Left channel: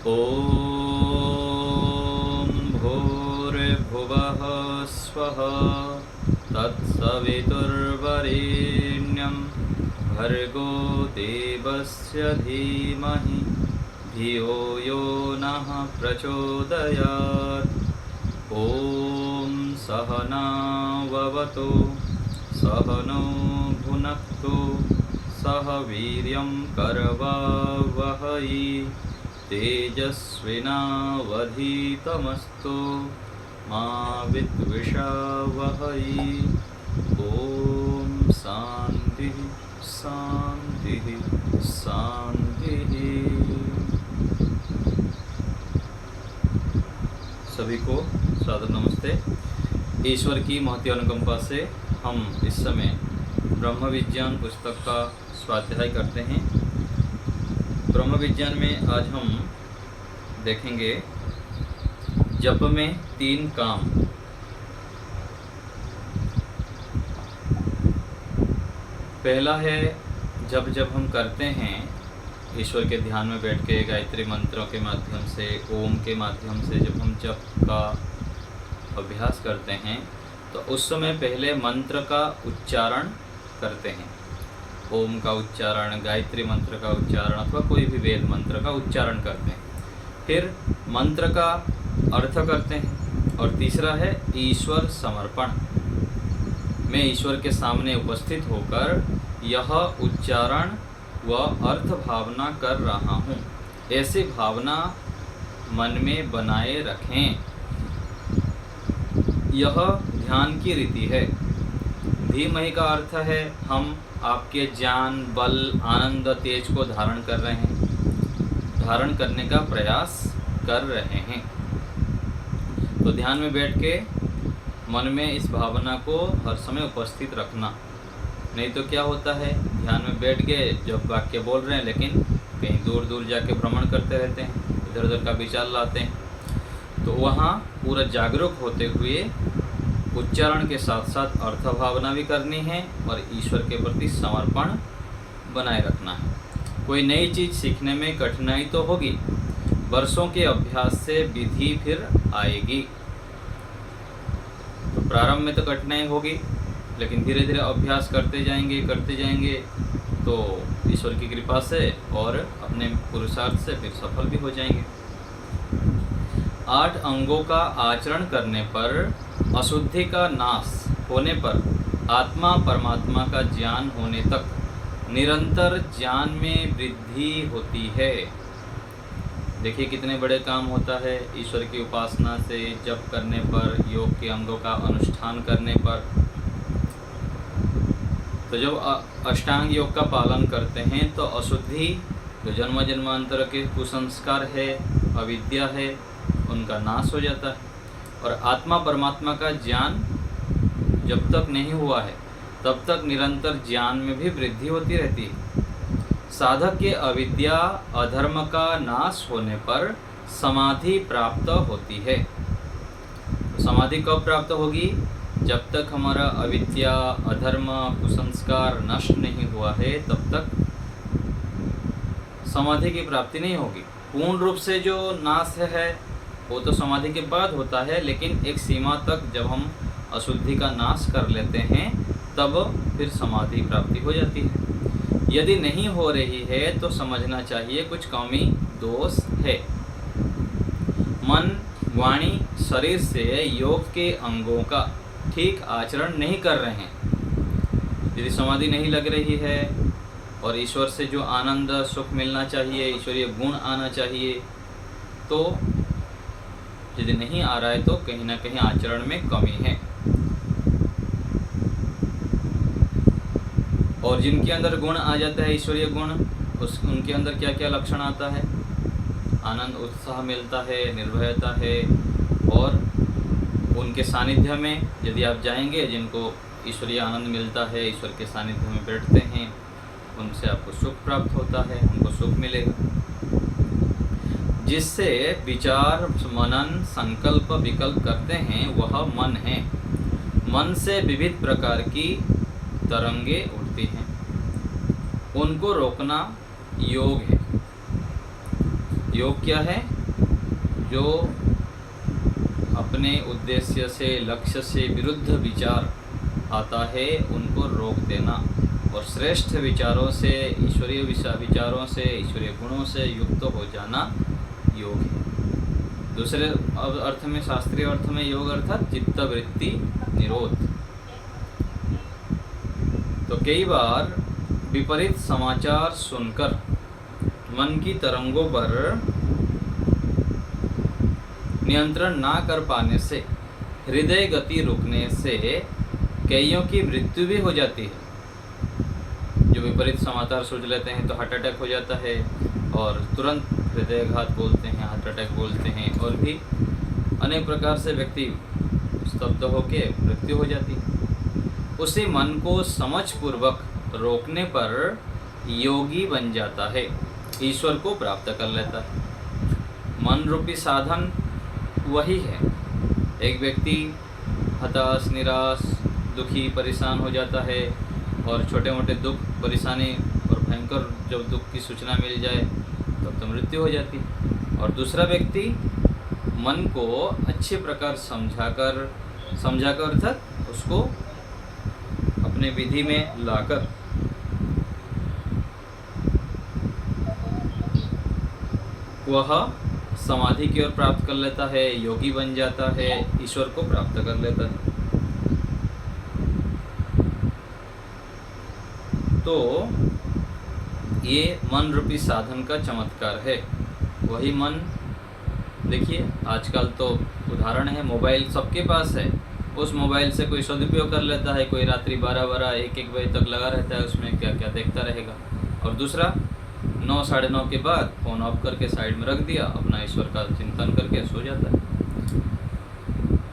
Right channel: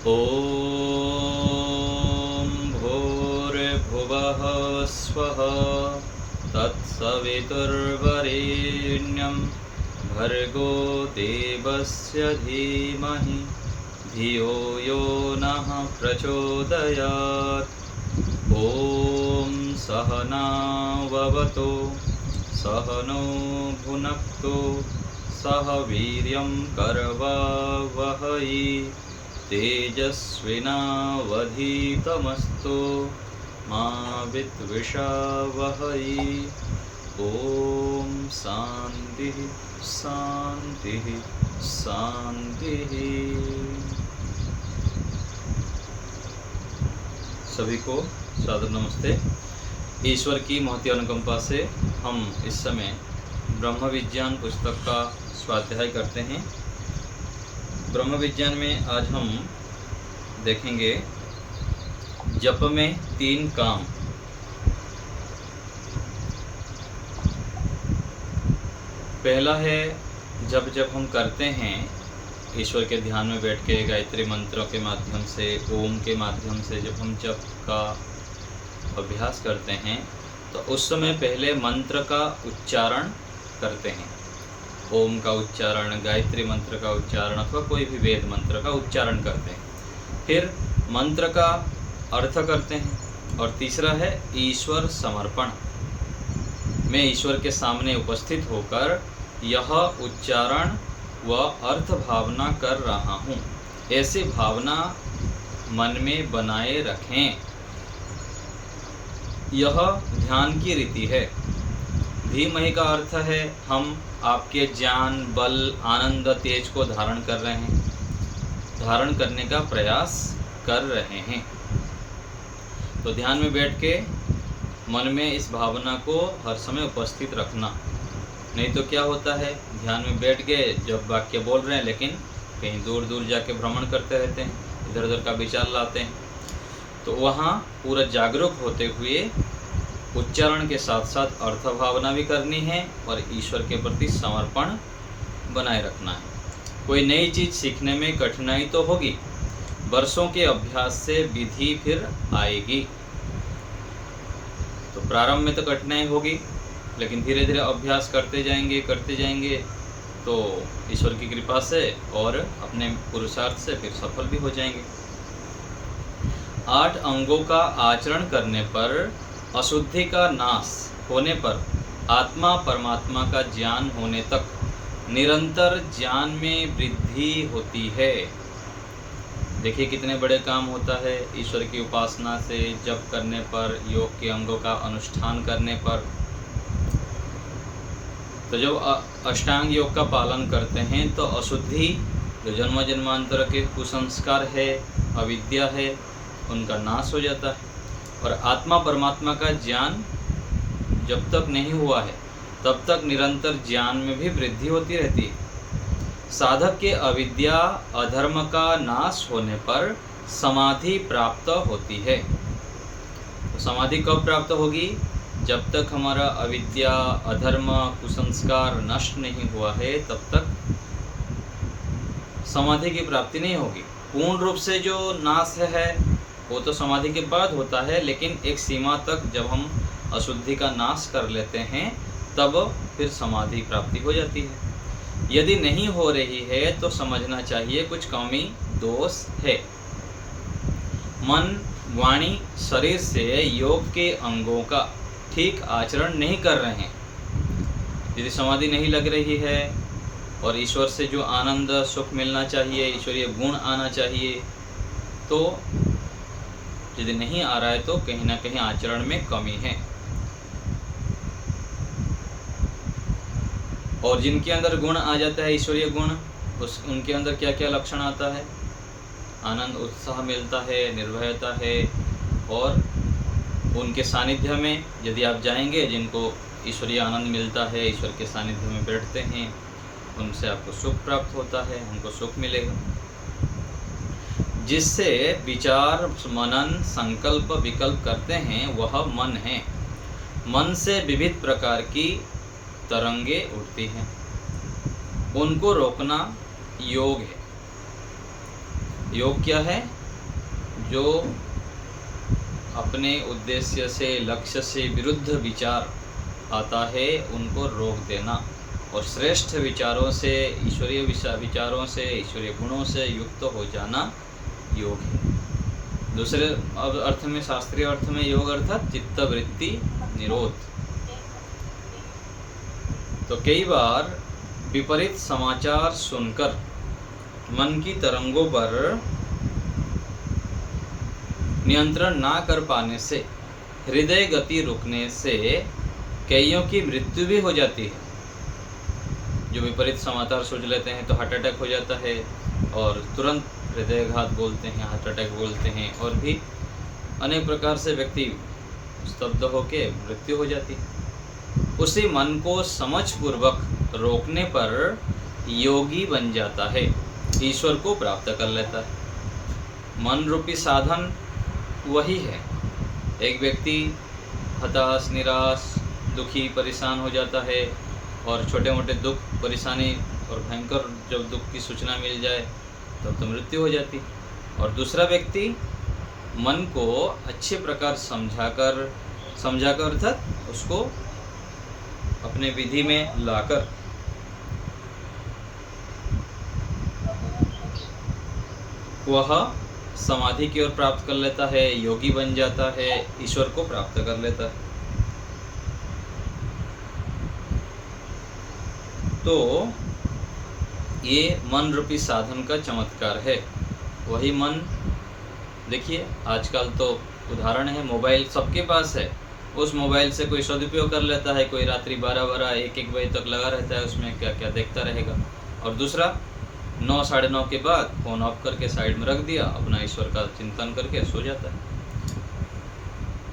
ॐ भूर्भुवः स्वः तत्सवितुर्वरेण्यं भर्गो देवस्य धीमहि धियो यो नः प्रचोदयात्। ॐ सहनाववतु सहनो भुनक्तु सह वीर्यं करवावहै तेजस्विनावधीतमस्तु मा विद्विषावहै। ओम शांति शांति शांति। सभी को सादर नमस्ते। ईश्वर की महती अनुकंपा से हम इस समय ब्रह्म विज्ञान पुस्तक का स्वाध्याय करते हैं। ब्रह्म विज्ञान में आज हम देखेंगे जप में 3 काम। पहला है जब हम करते हैं ईश्वर के ध्यान में बैठ के गायत्री मंत्रों के माध्यम से, ओम के माध्यम से जब हम जप का अभ्यास करते हैं तो उस समय पहले मंत्र का उच्चारण करते हैं। ओम का उच्चारण, गायत्री मंत्र का उच्चारण अथवा कोई भी वेद मंत्र का उच्चारण करते हैं। फिर मंत्र का अर्थ करते हैं और तीसरा है ईश्वर समर्पण। मैं ईश्वर के सामने उपस्थित होकर यह उच्चारण व अर्थ भावना कर रहा हूँ, ऐसी भावना मन में बनाए रखें। यह ध्यान की रीति है। धीमहि का अर्थ है हम आपके ज्ञान, बल, आनंद, तेज को धारण कर रहे हैं, धारण करने का प्रयास कर रहे हैं। तो ध्यान में बैठ के मन में इस भावना को हर समय उपस्थित रखना। नहीं तो क्या होता है, ध्यान में बैठ गए, जब वाक्य बोल रहे हैं लेकिन कहीं दूर दूर जाके भ्रमण करते रहते हैं, इधर उधर का विचार लाते हैं। तो वहाँ पूरा जागरूक होते हुए उच्चारण के साथ साथ अर्थ भावना भी करनी है और ईश्वर के प्रति समर्पण बनाए रखना है। कोई नई चीज़ सीखने में कठिनाई तो होगी, वर्षों के अभ्यास से विधि फिर आएगी। तो प्रारंभ में तो कठिनाई होगी, लेकिन धीरे धीरे अभ्यास करते जाएंगे तो ईश्वर की कृपा से और अपने पुरुषार्थ से फिर सफल भी हो जाएंगे। 8 अंगों का आचरण करने पर, अशुद्धि का नाश होने पर, आत्मा परमात्मा का ज्ञान होने तक निरंतर ज्ञान में वृद्धि होती है। देखिए कितने बड़े काम होता है ईश्वर की उपासना से, जप करने पर, योग के अंगों का अनुष्ठान करने पर। तो जब अष्टांग योग का पालन करते हैं तो अशुद्धि, जो जन्म जन्मांतर के कुसंस्कार है, अविद्या है, उनका नाश हो जाता है। और आत्मा परमात्मा का ज्ञान जब तक नहीं हुआ है तब तक निरंतर ज्ञान में भी वृद्धि होती रहती है। साधक के अविद्या अधर्म का नाश होने पर समाधि प्राप्त होती है। तो समाधि कब प्राप्त होगी? जब तक हमारा अविद्या, अधर्म, कुसंस्कार नष्ट नहीं हुआ है तब तक समाधि की प्राप्ति नहीं होगी। पूर्ण रूप से जो नाश है वो तो समाधि के बाद होता है, लेकिन एक सीमा तक जब हम अशुद्धि का नाश कर लेते हैं तब फिर समाधि प्राप्ति हो जाती है। यदि नहीं हो रही है तो समझना चाहिए कुछ कमी दोष है। मन, वाणी, शरीर से योग के अंगों का ठीक आचरण नहीं कर रहे हैं। यदि समाधि नहीं लग रही है और ईश्वर से जो आनंद, सुख मिलना चाहिए, ईश्वरीय गुण आना चाहिए, तो यदि नहीं आ रहा है तो कहीं ना कहीं आचरण में कमी है। और जिनके अंदर गुण आ जाता है, ईश्वरीय गुण, उनके अंदर क्या क्या लक्षण आता है? आनंद, उत्साह मिलता है, निर्भयता है। और उनके सानिध्य में यदि आप जाएंगे, जिनको ईश्वरीय आनंद मिलता है, ईश्वर के सानिध्य में बैठते हैं, उनसे आपको सुख प्राप्त होता है, उनको सुख मिलेगा। जिससे विचार, मनन, संकल्प, विकल्प करते हैं वह मन है। मन से विविध प्रकार की तरंगे उठती हैं, उनको रोकना योग है। योग क्या है? जो अपने उद्देश्य से, लक्ष्य से विरुद्ध विचार आता है उनको रोक देना, और श्रेष्ठ विचारों से, ईश्वरीय विचारों से, ईश्वरीय गुणों से युक्त हो जाना योग है। दूसरे अर्थ में, शास्त्रीय अर्थ में योग अर्थात चित्तवृत्ति निरोध। तो कई बार विपरीत समाचार सुनकर मन की तरंगों पर नियंत्रण ना कर पाने से, हृदय गति रुकने से कईयों की मृत्यु भी हो जाती है। जो विपरीत समाचार सोच लेते हैं तो हार्ट अटैक हो जाता है, और तुरंत हृदयघात बोलते हैं, हार्ट अटैक बोलते हैं, और भी अनेक प्रकार से व्यक्ति स्तब्ध होकर मृत्यु हो जाती है। उसी मन को समझ पूर्वक रोकने पर योगी बन जाता है, ईश्वर को प्राप्त कर लेता है। मन रूपी साधन वही है। एक व्यक्ति हताश, निराश, दुखी, परेशान हो जाता है, और छोटे मोटे दुख, परेशानी और भयंकर जब दुख की सूचना मिल जाए तब तो मृत्यु हो जाती। और दूसरा व्यक्ति मन को अच्छे प्रकार समझाकर अर्थात उसको अपने विधि में लाकर वह समाधि की ओर प्राप्त कर लेता है, योगी बन जाता है, ईश्वर को प्राप्त कर लेता है। तो ये मन रूपी साधन का चमत्कार है। वही मन, देखिए आजकल तो उदाहरण है, मोबाइल सबके पास है। उस मोबाइल से कोई सदुपयोग कर लेता है, कोई रात्रि 12-12, 1-1 बजे तक लगा रहता है, उसमें क्या क्या देखता रहेगा। और दूसरा 9, 9:30 के बाद फ़ोन ऑफ करके साइड में रख दिया, अपना ईश्वर का चिंतन करके सो जाता है।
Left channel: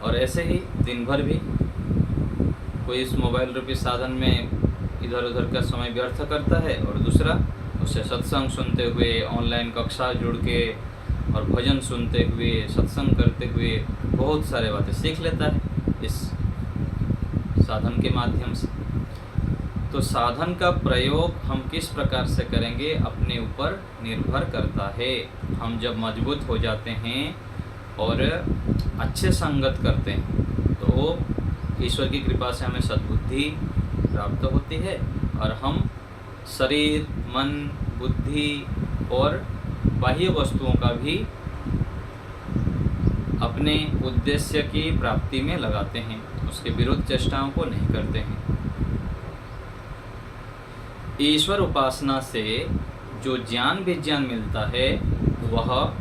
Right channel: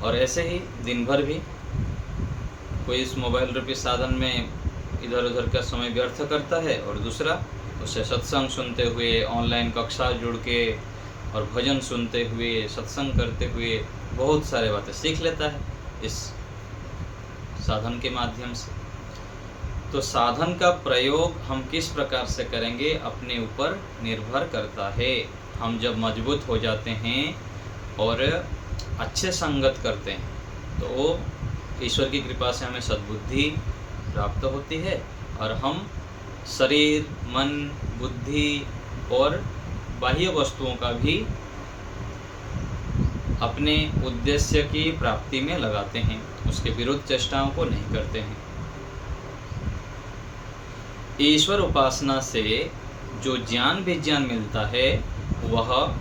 और ऐसे ही दिन भर भी कोई इस मोबाइल रूपी साधन में इधर उधर का समय व्यर्थ करता है, और दूसरा उससे सत्संग सुनते हुए, ऑनलाइन कक्षा जुड़ के और भजन सुनते हुए, सत्संग करते हुए बहुत सारे बातें सीख लेता है इस साधन के माध्यम से। तो साधन का प्रयोग हम किस प्रकार से करेंगे अपने ऊपर निर्भर करता है। हम जब मजबूत हो जाते हैं और अच्छे संगत करते हैं तो ईश्वर की कृपा से हमें सद्बुद्धि प्राप्त होती है, और हम शरीर, मन, बुद्धि और बाह्य वस्तुओं का भी अपने उद्देश्य की प्राप्ति में लगाते हैं, उसके विरुद्ध चेष्टाओं को नहीं करते हैं। ईश्वर उपासना से जो ज्ञान विज्ञान मिलता है वह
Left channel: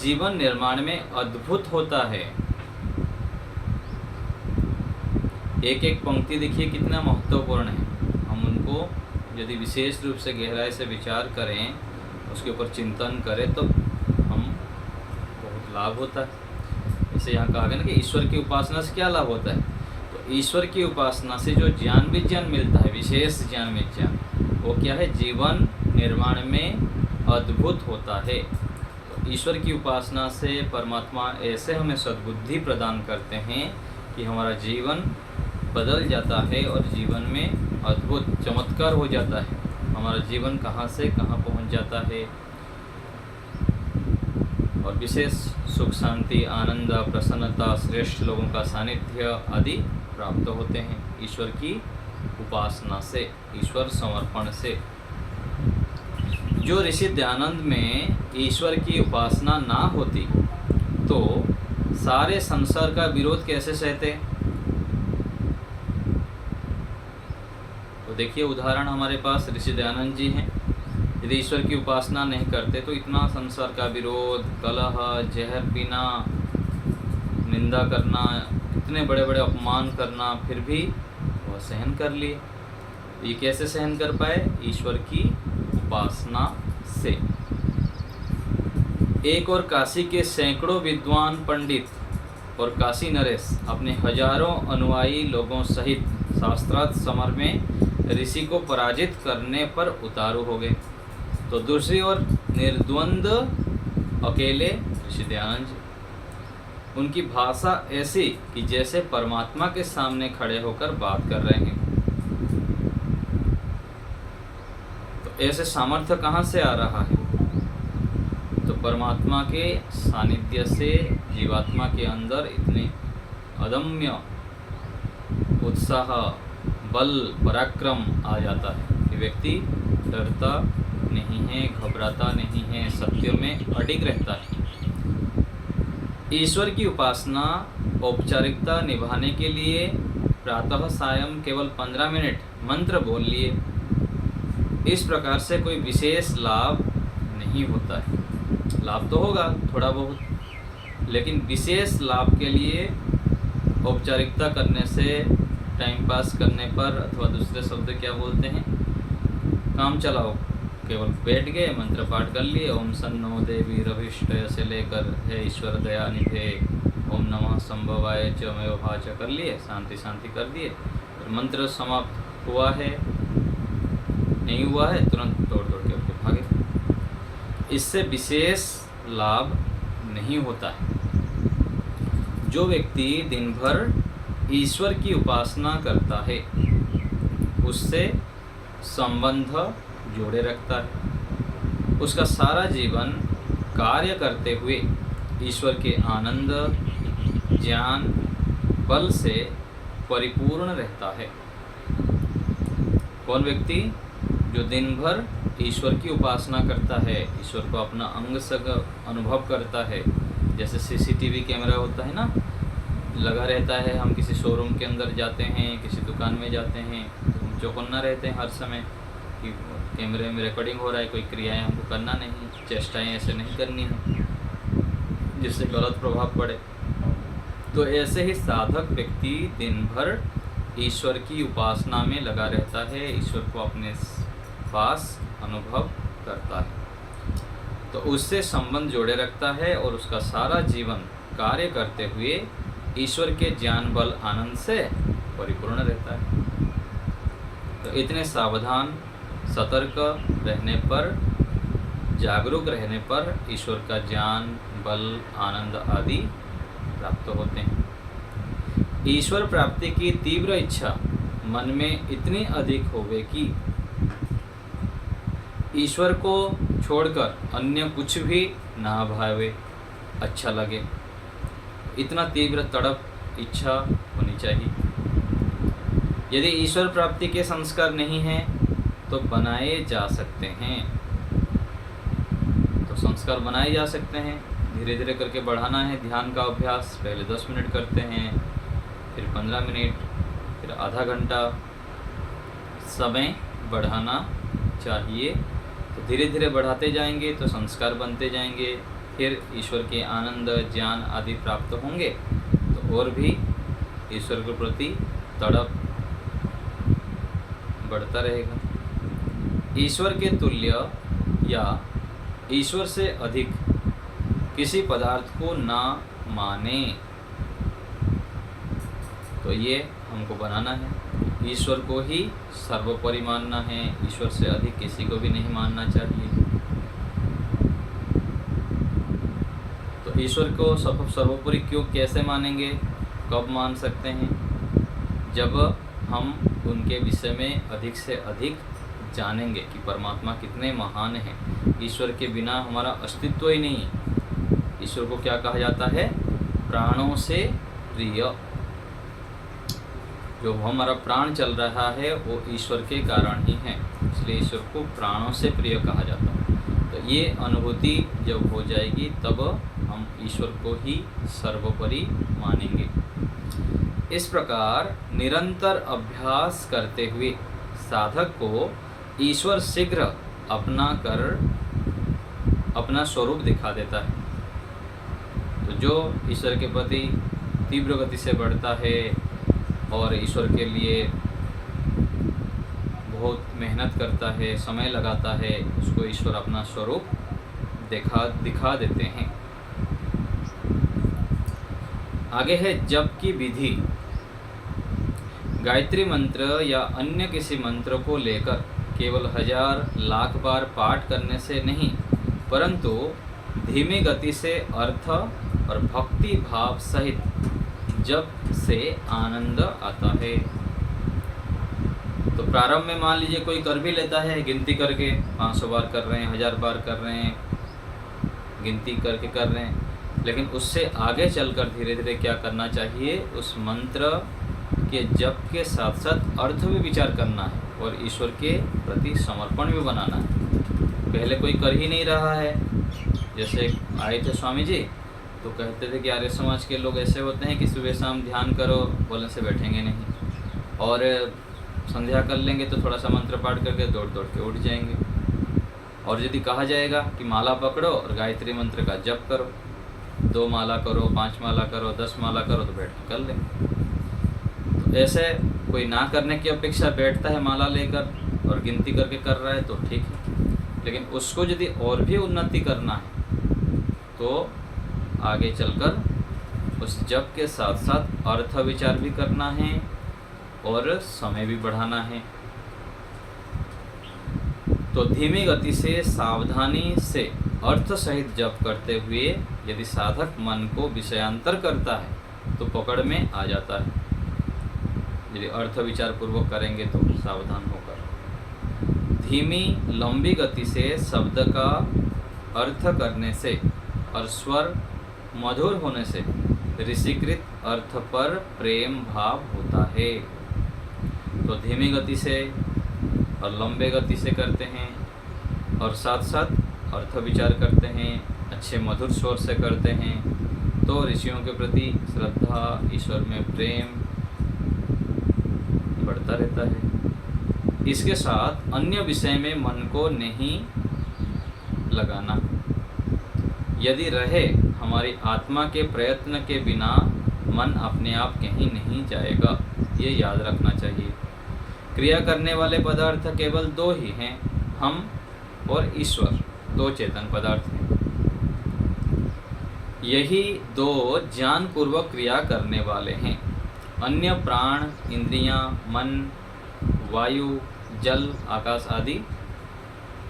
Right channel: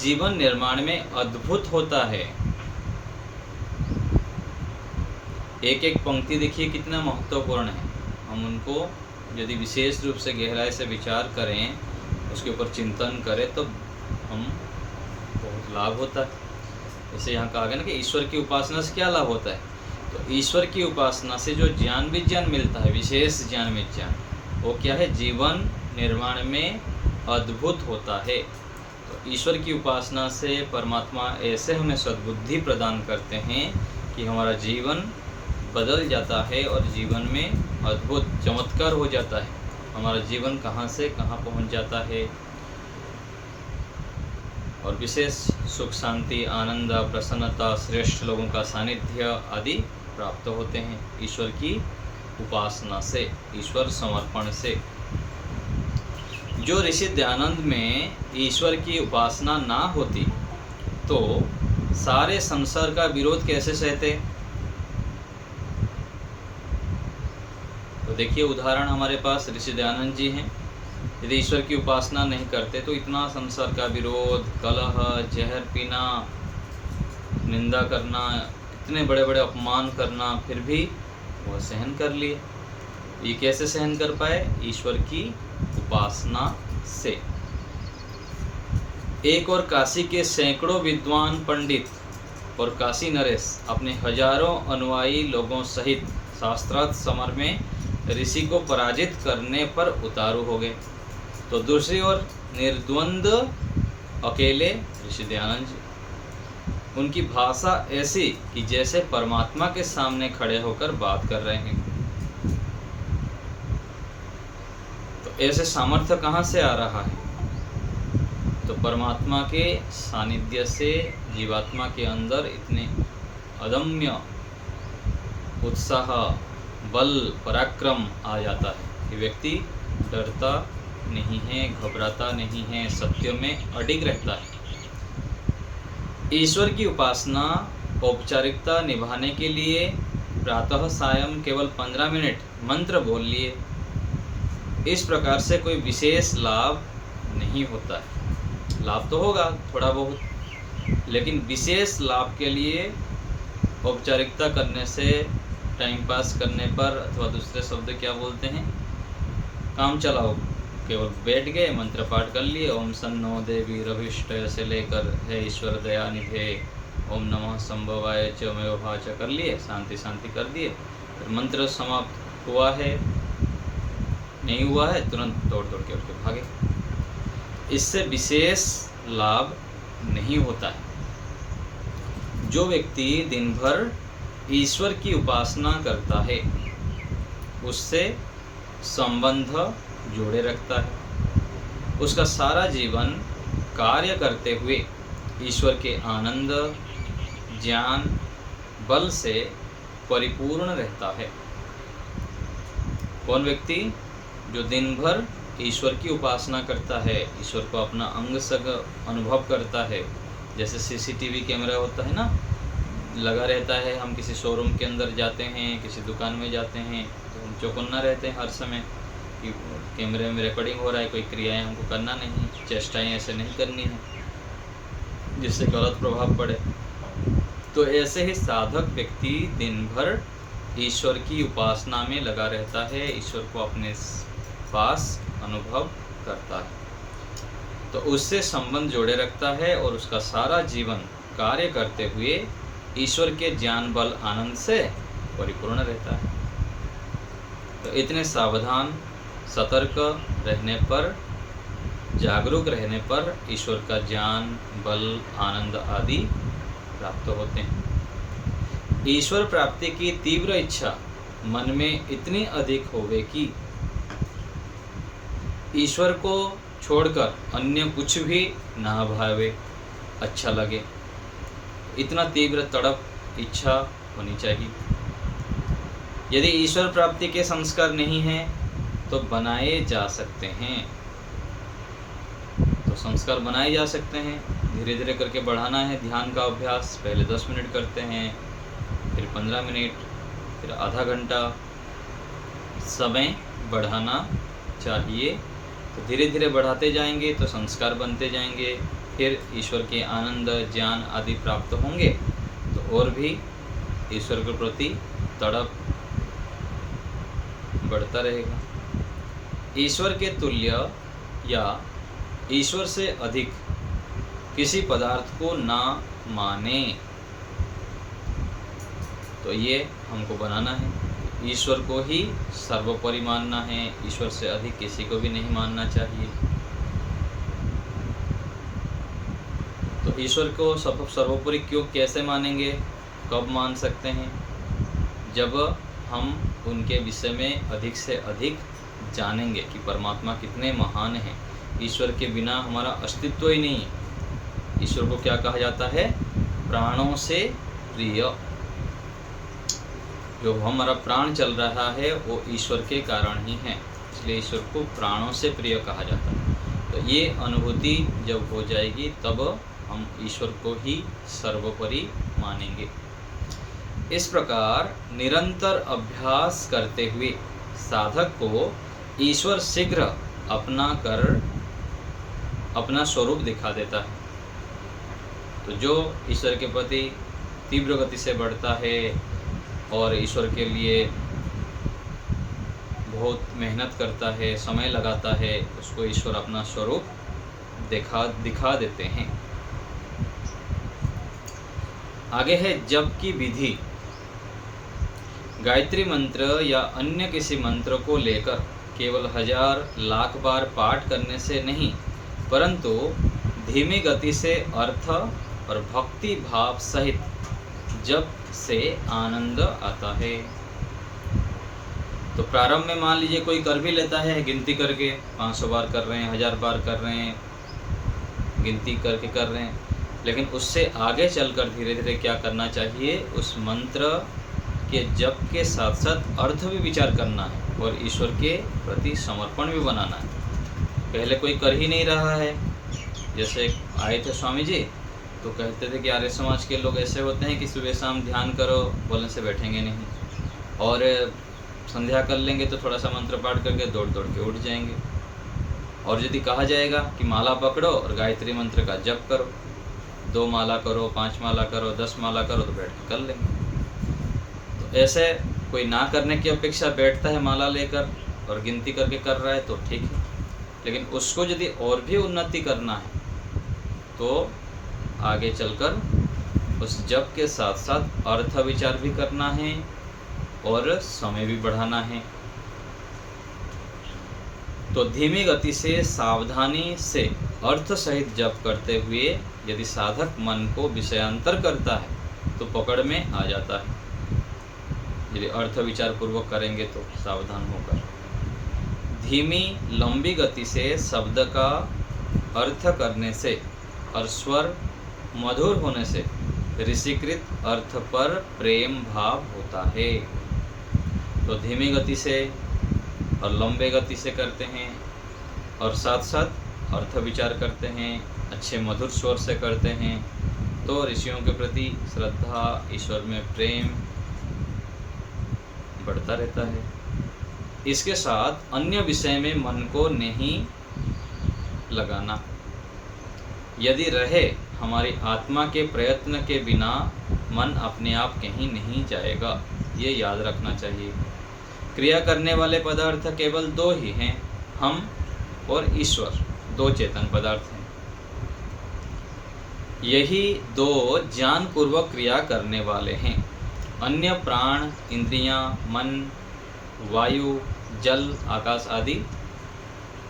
जीवन निर्माण में अद्भुत होता है। एक एक पंक्ति देखिए कितना महत्वपूर्ण है। हम उनको यदि विशेष रूप से गहराई से विचार करें, उसके ऊपर चिंतन करें तो हम बहुत लाभ होता है। जैसे यहाँ कहा गया ना कि ईश्वर की उपासना से क्या लाभ होता है, तो ईश्वर की उपासना से जो ज्ञान विज्ञान मिलता है, विशेष ज्ञान विज्ञान, वो क्या है, जीवन निर्माण में अद्भुत होता है। तो ईश्वर की उपासना से परमात्मा ऐसे हमें सद्बुद्धि प्रदान करते हैं कि हमारा जीवन बदल जाता है और जीवन में अद्भुत चमत्कार हो जाता है। हमारा जीवन कहाँ से कहाँ पहुँच जाता है, और विशेष सुख, शांति, आनंद, प्रसन्नता, श्रेष्ठ लोगों का सानिध्य आदि प्राप्त होते हैं ईश्वर की उपासना से, ईश्वर समर्पण से। जो ऋषि दयानंद में ईश्वर की उपासना ना होती तो सारे संसार का विरोध कैसे सहते। तो देखिए उदाहरण हमारे पास ऋषि दयानंद जी हैं। यदि ईश्वर की उपासना नहीं करते तो इतना संसार का विरोध, कलह, जहर पीना, निंदा करना, कितने बड़े बड़े अपमान करना, फिर भी वह सहन कर लिए। ये कैसे सहन कर पाए, ईश्वर की उपासना से। एक और काशी के सैकड़ों विद्वान पंडित और काशी नरेश अपने हजारों अनुयायी लोगों सहित शास्त्रार्थ समर में ऋषि को पराजित करने पर उतारू हो गए। तो दूसरी ओर निर्द्वंद्व अकेले ऋषि दयानंद जी, उनकी भाषा ऐसी कि जैसे परमात्मा के सामने खड़े होकर बात कर रहे हैं। तो ऐसे सामर्थ्य कहाँ से आ रहा है, तो परमात्मा के सानिध्य से जीवात्मा के अंदर इतने अदम्य उत्साह, बल, पराक्रम आ जाता है कि व्यक्ति डरता नहीं है, घबराता नहीं है, सत्य में अडिग रहता है। ईश्वर की उपासना औपचारिकता निभाने के लिए प्रातः सायं केवल 15 मिनट मंत्र बोल लिए, इस प्रकार से कोई विशेष लाभ नहीं होता है। लाभ तो होगा थोड़ा बहुत, लेकिन विशेष लाभ के लिए औपचारिकता करने से, टाइम पास करने पर, अथवा दूसरे शब्द क्या बोलते हैं, काम चलाओ, केवल बैठ गए, मंत्र पाठ कर लिए, ओम सन्नो देवी रविष्टय से लेकर हे ईश्वर दया निधे, ओम नमः संभवाय च मयोभा च कर लिए, शांति शांति कर दिए, फिर मंत्र समाप्त हुआ है नहीं हुआ है, तुरंत दौड़ दौड़ के उठ भागे। इससे विशेष लाभ नहीं होता है। जो व्यक्ति दिन भर ईश्वर की उपासना करता है उससे संबंध जोड़े रखता है। उसका सारा जीवन कार्य करते हुए ईश्वर के आनंद, ज्ञान, बल से परिपूर्ण रहता है। कौन व्यक्ति? जो दिन भर ईश्वर की उपासना करता है, ईश्वर को अपना अंग संग अनुभव करता है। जैसे सीसीटीवी कैमरा होता है ना, लगा रहता है, हम किसी शोरूम के अंदर जाते हैं, किसी दुकान में जाते हैं, तो हम चौकन्ना रहते हैं हर समय कि कैमरे में रिकॉर्डिंग हो रहा है, कोई क्रियाएं हमको करना नहीं, चेष्टाएं ऐसे नहीं करनी है जिससे गलत प्रभाव पड़े। तो ऐसे ही साधक व्यक्ति दिन भर ईश्वर की उपासना में लगा रहता है, ईश्वर को अपने पास अनुभव करता है, तो उससे संबंध जोड़े रखता है और उसका सारा जीवन कार्य करते हुए ईश्वर के ज्ञान, बल, आनंद से परिपूर्ण रहता है। तो इतने सावधान, सतर्क रहने पर, जागरूक रहने पर ईश्वर का ज्ञान, बल, आनंद आदि प्राप्त होते हैं। ईश्वर प्राप्ति की तीव्र इच्छा मन में इतनी अधिक होवे कि ईश्वर को छोड़कर अन्य कुछ भी ना भावे, अच्छा लगे, इतना तीव्र तड़प, इच्छा होनी चाहिए। यदि ईश्वर प्राप्ति के संस्कार नहीं हैं तो बनाए जा सकते हैं, तो संस्कार बनाए जा सकते हैं। धीरे धीरे करके बढ़ाना है ध्यान का अभ्यास। पहले 10 मिनट करते हैं, फिर 15 मिनट, फिर आधा घंटा, समय बढ़ाना चाहिए। तो धीरे धीरे बढ़ाते जाएंगे तो संस्कार बनते जाएंगे, फिर ईश्वर के आनंद, ज्ञान आदि प्राप्त होंगे तो और भी ईश्वर के प्रति तड़प बढ़ता रहेगा। ईश्वर के तुल्य या ईश्वर से अधिक किसी पदार्थ को ना माने, तो ये हमको बनाना है। ईश्वर को ही सर्वोपरि मानना है, ईश्वर से अधिक किसी को भी नहीं मानना चाहिए। तो ईश्वर को सर्वोपरि क्यों, कैसे मानेंगे, कब मान सकते हैं? जब हम उनके विषय में अधिक से अधिक जानेंगे कि परमात्मा कितने महान हैं। ईश्वर के बिना हमारा अस्तित्व ही नहीं है। ईश्वर को क्या कहा जाता है? प्राणों से प्रिय। जो हमारा प्राण चल रहा है वो ईश्वर के कारण ही है, इसलिए ईश्वर को प्राणों से प्रिय कहा जाता है। तो ये अनुभूति जब हो जाएगी तब हम ईश्वर को ही सर्वोपरि मानेंगे। इस प्रकार निरंतर अभ्यास करते हुए साधक को ईश्वर शीघ्र अपना कर अपना स्वरूप दिखा देता है। तो जो ईश्वर के प्रति तीव्र गति से बढ़ता है और ईश्वर के लिए बहुत मेहनत करता है, समय लगाता है, उसको ईश्वर अपना स्वरूप दिखा देते हैं। आगे है जप की विधि। गायत्री मंत्र या अन्य किसी मंत्र को लेकर केवल 1000 लाख बार पाठ करने से नहीं, परंतु धीमी गति से अर्थ और भक्ति भाव सहित जप से आनंद आता है। तो प्रारंभ में मान लीजिए कोई कर भी लेता है, गिनती करके 500 बार कर रहे हैं, 1000 बार कर रहे हैं, गिनती करके कर रहे हैं, लेकिन उससे आगे चलकर धीरे धीरे क्या करना चाहिए, उस मंत्र के जप के साथ साथ अर्थ भी विचार करना है और ईश्वर के प्रति समर्पण भी बनाना है। पहले कोई कर ही नहीं रहा है, जैसे आए थे स्वामी जी तो कहते थे कि आर्य समाज के लोग ऐसे होते हैं कि सुबह शाम ध्यान करो बोलने से बैठेंगे नहीं, और संध्या कर लेंगे तो थोड़ा सा मंत्र पाठ करके दौड़ दौड़ के उठ जाएंगे, और यदि कहा जाएगा कि माला पकड़ो और गायत्री मंत्र का जप करो, 2 माला करो, 5 माला करो, 10 माला करो, तो बैठ के कर लेंगे। तो ऐसे कोई ना करने की अपेक्षा बैठता है माला लेकर और गिनती करके कर रहा है तो ठीक है, लेकिन उसको यदि और भी उन्नति करना है तो आगे चलकर उस जप के साथ साथ अर्थ विचार भी करना है और समय भी बढ़ाना है। तो धीमी गति से सावधानी से अर्थ सहित जप करते हुए यदि साधक मन को विषयांतर करता है तो पकड़ में आ जाता है। यदि अर्थ विचार पूर्वक करेंगे तो सावधान होकर धीमी लंबी गति से शब्द का अर्थ करने से और स्वर मधुर होने से ऋषिकृत अर्थ पर प्रेम भाव होता है। तो धीमी गति से और लंबे गति से करते हैं और साथ साथ अर्थ विचार करते हैं, अच्छे मधुर स्वर से करते हैं, तो ऋषियों के प्रति श्रद्धा, ईश्वर में प्रेम बढ़ता रहता है। इसके साथ अन्य विषय में मन को नहीं लगाना। यदि रहे हमारी आत्मा के प्रयत्न के बिना मन अपने आप कहीं नहीं जाएगा, ये याद रखना चाहिए। क्रिया करने वाले पदार्थ केवल 2 ही हैं, हम और ईश्वर, 2 चेतन पदार्थ हैं। यही 2 ज्ञानपूर्वक क्रिया करने वाले हैं। अन्य प्राण, इंद्रियां, मन, वायु, जल, आकाश आदि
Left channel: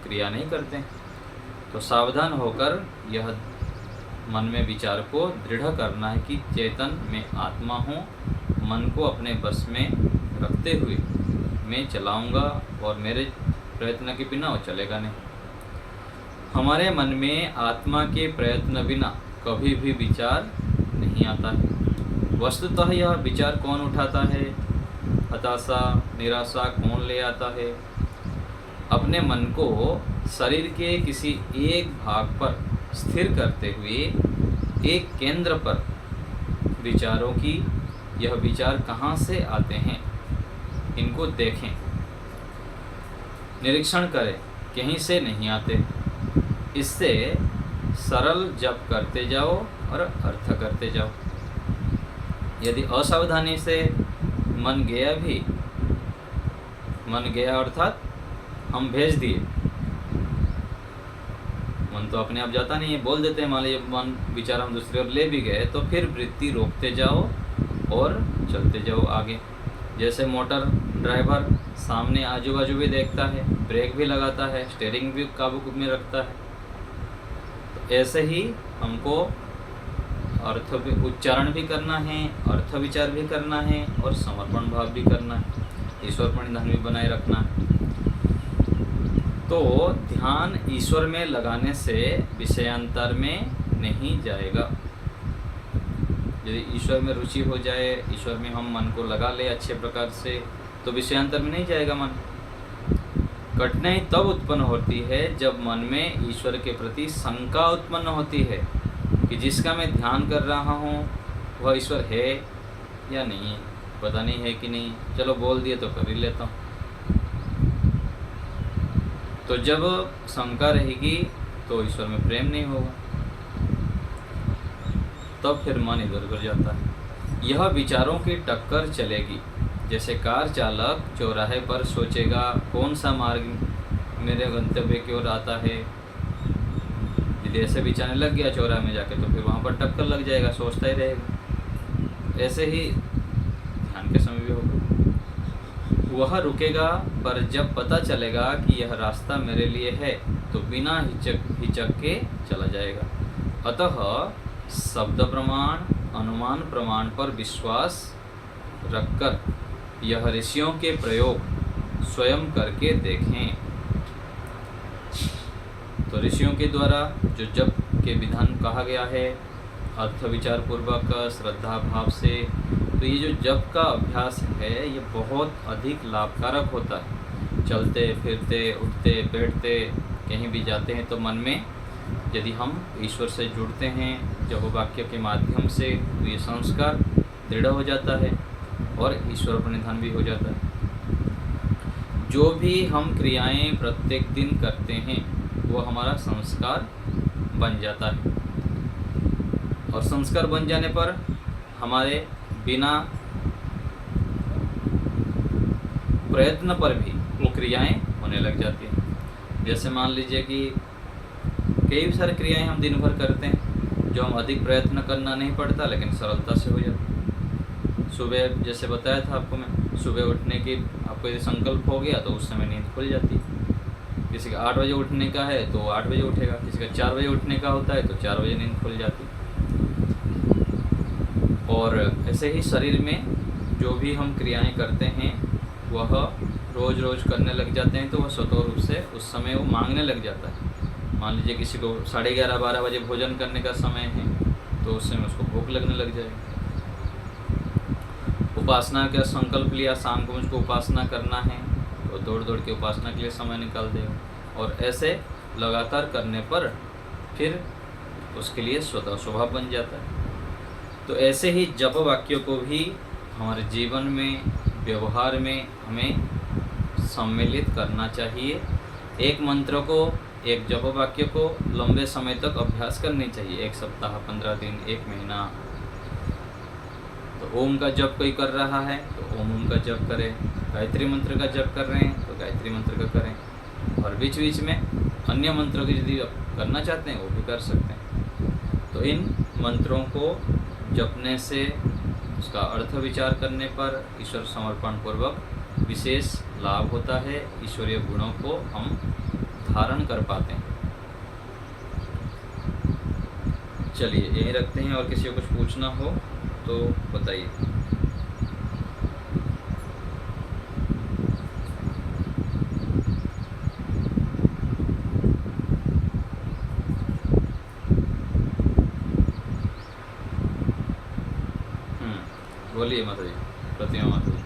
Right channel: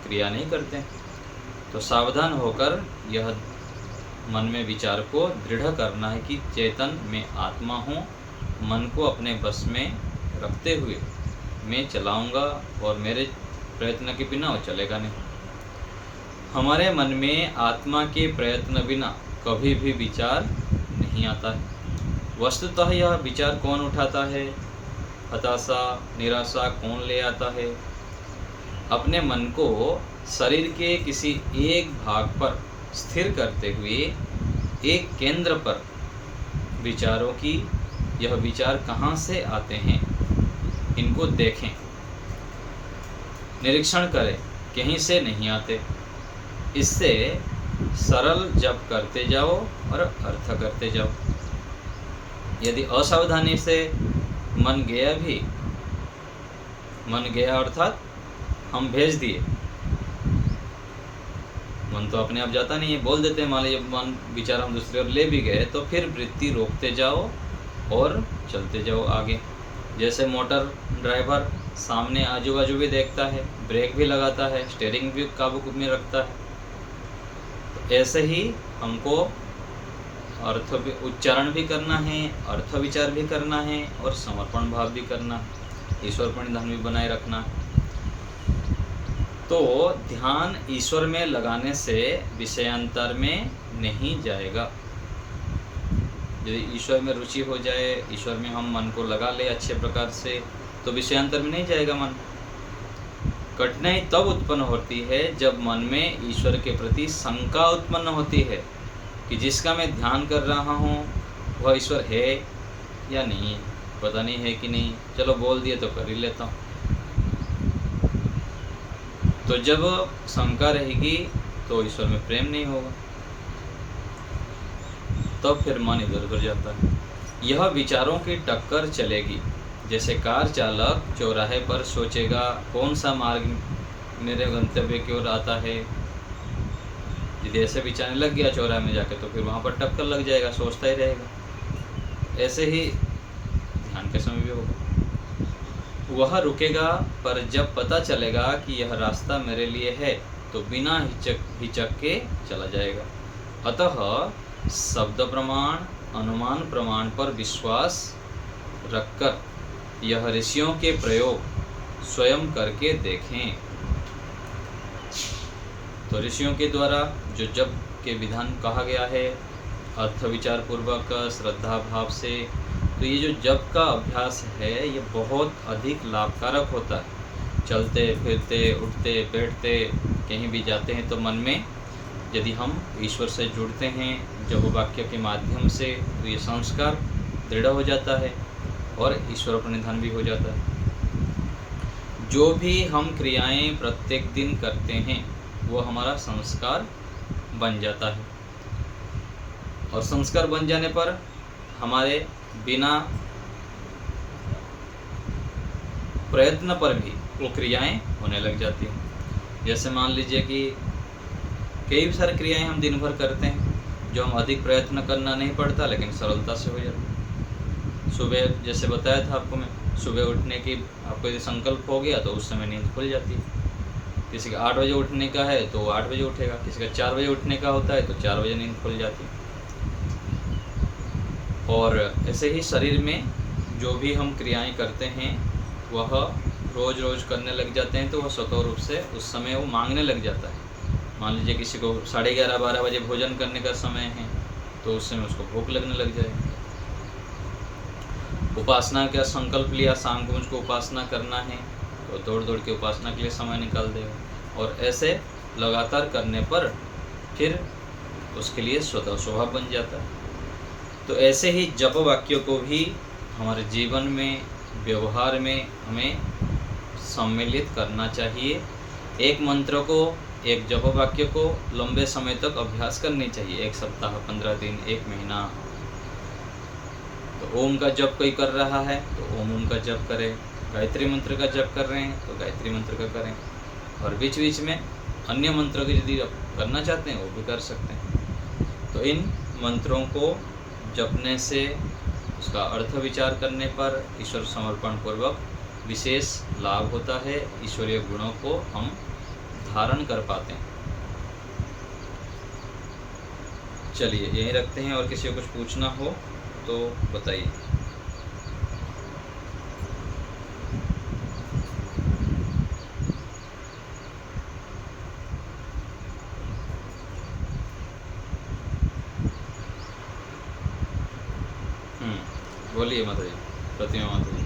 क्रिया नहीं करते। तो सावधान होकर यह मन में विचार को दृढ़ करना है कि चेतन में आत्मा हूँ, मन को अपने बस में रखते हुए मैं चलाऊंगा और मेरे प्रयत्न के बिना वो चलेगा नहीं। हमारे मन में आत्मा के प्रयत्न बिना कभी भी विचार नहीं आता है। वस्तुतः यह विचार कौन उठाता है, हताशा, निराशा कौन ले आता है? अपने मन को शरीर के किसी एक भाग पर स्थिर करते हुए एक केंद्र पर विचारों की यह विचार कहाँ से आते हैं, इनको देखें, निरीक्षण करें, कहीं से नहीं आते। इससे सरल जप करते जाओ और अर्थ करते जाओ। यदि असावधानी से मन गया अर्थात हम भेज दिए, मन तो अपने आप जाता नहीं है, बोल देते हैं, मान लीजिए मन विचार हम दूसरी ओर ले भी गए तो फिर वृत्ति रोकते जाओ और चलते जाओ आगे। जैसे मोटर ड्राइवर सामने आजू बाजू भी देखता है, ब्रेक भी लगाता है, स्टीयरिंग भी काबू में रखता है, तो ऐसे ही हमको अर्थ भी उच्चारण भी करना है, अर्थ विचार भी करना है और समर्पण भाव भी करना है, ईश्वर प्रणिधान भी बनाए रखना है। तो ध्यान ईश्वर में लगाने से विषयांतर में नहीं जाएगा। यदि ईश्वर में रुचि हो जाए, ईश्वर में हम मन को लगा ले अच्छे प्रकार से, तो विषयांतर में नहीं जाएगा मन। कठिनाई तब उत्पन्न होती है जब मन में ईश्वर के प्रति शंका उत्पन्न होती है कि जिसका मैं ध्यान कर रहा हूँ वह ईश्वर है या नहीं है, पता नहीं है कि नहीं, चलो बोल दिए तो कर ही लेता हूँ। तो जब शंका रहेगी तो ईश्वर में प्रेम नहीं होगा, तब फिर मन इधर उधर जाता है। यह विचारों की टक्कर चलेगी। जैसे कार चालक चौराहे पर सोचेगा कौन सा मार्ग मेरे गंतव्य की ओर आता है, यदि ऐसे विचारने लग गया चौराहे में जाके तो फिर वहाँ पर टक्कर लग जाएगा, सोचता ही रहेगा। ऐसे ही ध्यान के समय भी होगा, वह रुकेगा, पर जब पता चलेगा कि यह रास्ता मेरे लिए है तो बिना हिचक के चला जाएगा। अतः शब्द प्रमाण, अनुमान प्रमाण पर विश्वास रखकर यह ऋषियों के प्रयोग स्वयं करके देखें। तो ऋषियों के द्वारा जो जप के विधान कहा गया है अर्थ विचार पूर्वक श्रद्धा भाव से। तो ये जो जप का अभ्यास है ये बहुत अधिक लाभकारक होता है। चलते फिरते उठते बैठते कहीं भी जाते हैं तो मन में यदि हम ईश्वर से जुड़ते हैं जप वाक्य के माध्यम से तो ये संस्कार दृढ़ हो जाता है और ईश्वर प्रणिधान भी हो जाता है। जो भी हम क्रियाएं प्रत्येक दिन करते हैं वो हमारा संस्कार बन जाता है और संस्कार बन जाने पर हमारे बिना प्रयत्न पर भी वो क्रियाएं होने लग जाती हैं। जैसे मान लीजिए कि कई सारी क्रियाएं हम दिन भर करते हैं जो हम अधिक प्रयत्न करना नहीं पड़ता लेकिन सरलता से हो जाता है। सुबह जैसे बताया था आपको मैं, सुबह उठने की आपको यदि संकल्प हो गया तो उस समय नींद खुल जाती है। किसी का 8 बजे उठने का है तो 8 बजे उठेगा, किसी का 4 बजे उठने का होता है तो 4 बजे नींद खुल जाती है। और ऐसे ही शरीर में जो भी हम क्रियाएं करते हैं वह रोज़ रोज़ करने लग जाते हैं तो वह स्वतः रूप से उस समय वो मांगने लग जाता है। मान लीजिए किसी को 11:30-12 बजे भोजन करने का समय है तो उस समय उसको भूख लगने लग जाएगी। उपासना का संकल्प लिया, शाम को मुझको उपासना करना है तो दौड़ दौड़ के उपासना के लिए समय निकाल देगा और ऐसे लगातार करने पर फिर उसके लिए स्वतः स्वभाव बन जाता है। तो ऐसे ही जप वाक्यों को भी हमारे जीवन में व्यवहार में हमें सम्मिलित करना चाहिए। एक मंत्र को, एक जप वाक्य को लंबे समय तक अभ्यास करनी चाहिए, 1 सप्ताह, 15 दिन, 1 महीना। तो ओम का जप कोई कर रहा है तो ओम का जप करें, गायत्री मंत्र का जप कर रहे हैं तो गायत्री मंत्र का करें और बीच बीच में अन्य मंत्रों की यदि करना चाहते हैं वो भी कर सकते हैं। तो इन मंत्रों को जपने से उसका अर्थ विचार करने पर ईश्वर समर्पण पूर्वक विशेष लाभ होता है, ईश्वरीय गुणों को हम धारण कर पाते हैं। चलिए यहीं रखते हैं और किसी को कुछ पूछना हो तो बताइए। बोलिए माता जी, प्रतिमा माता जी।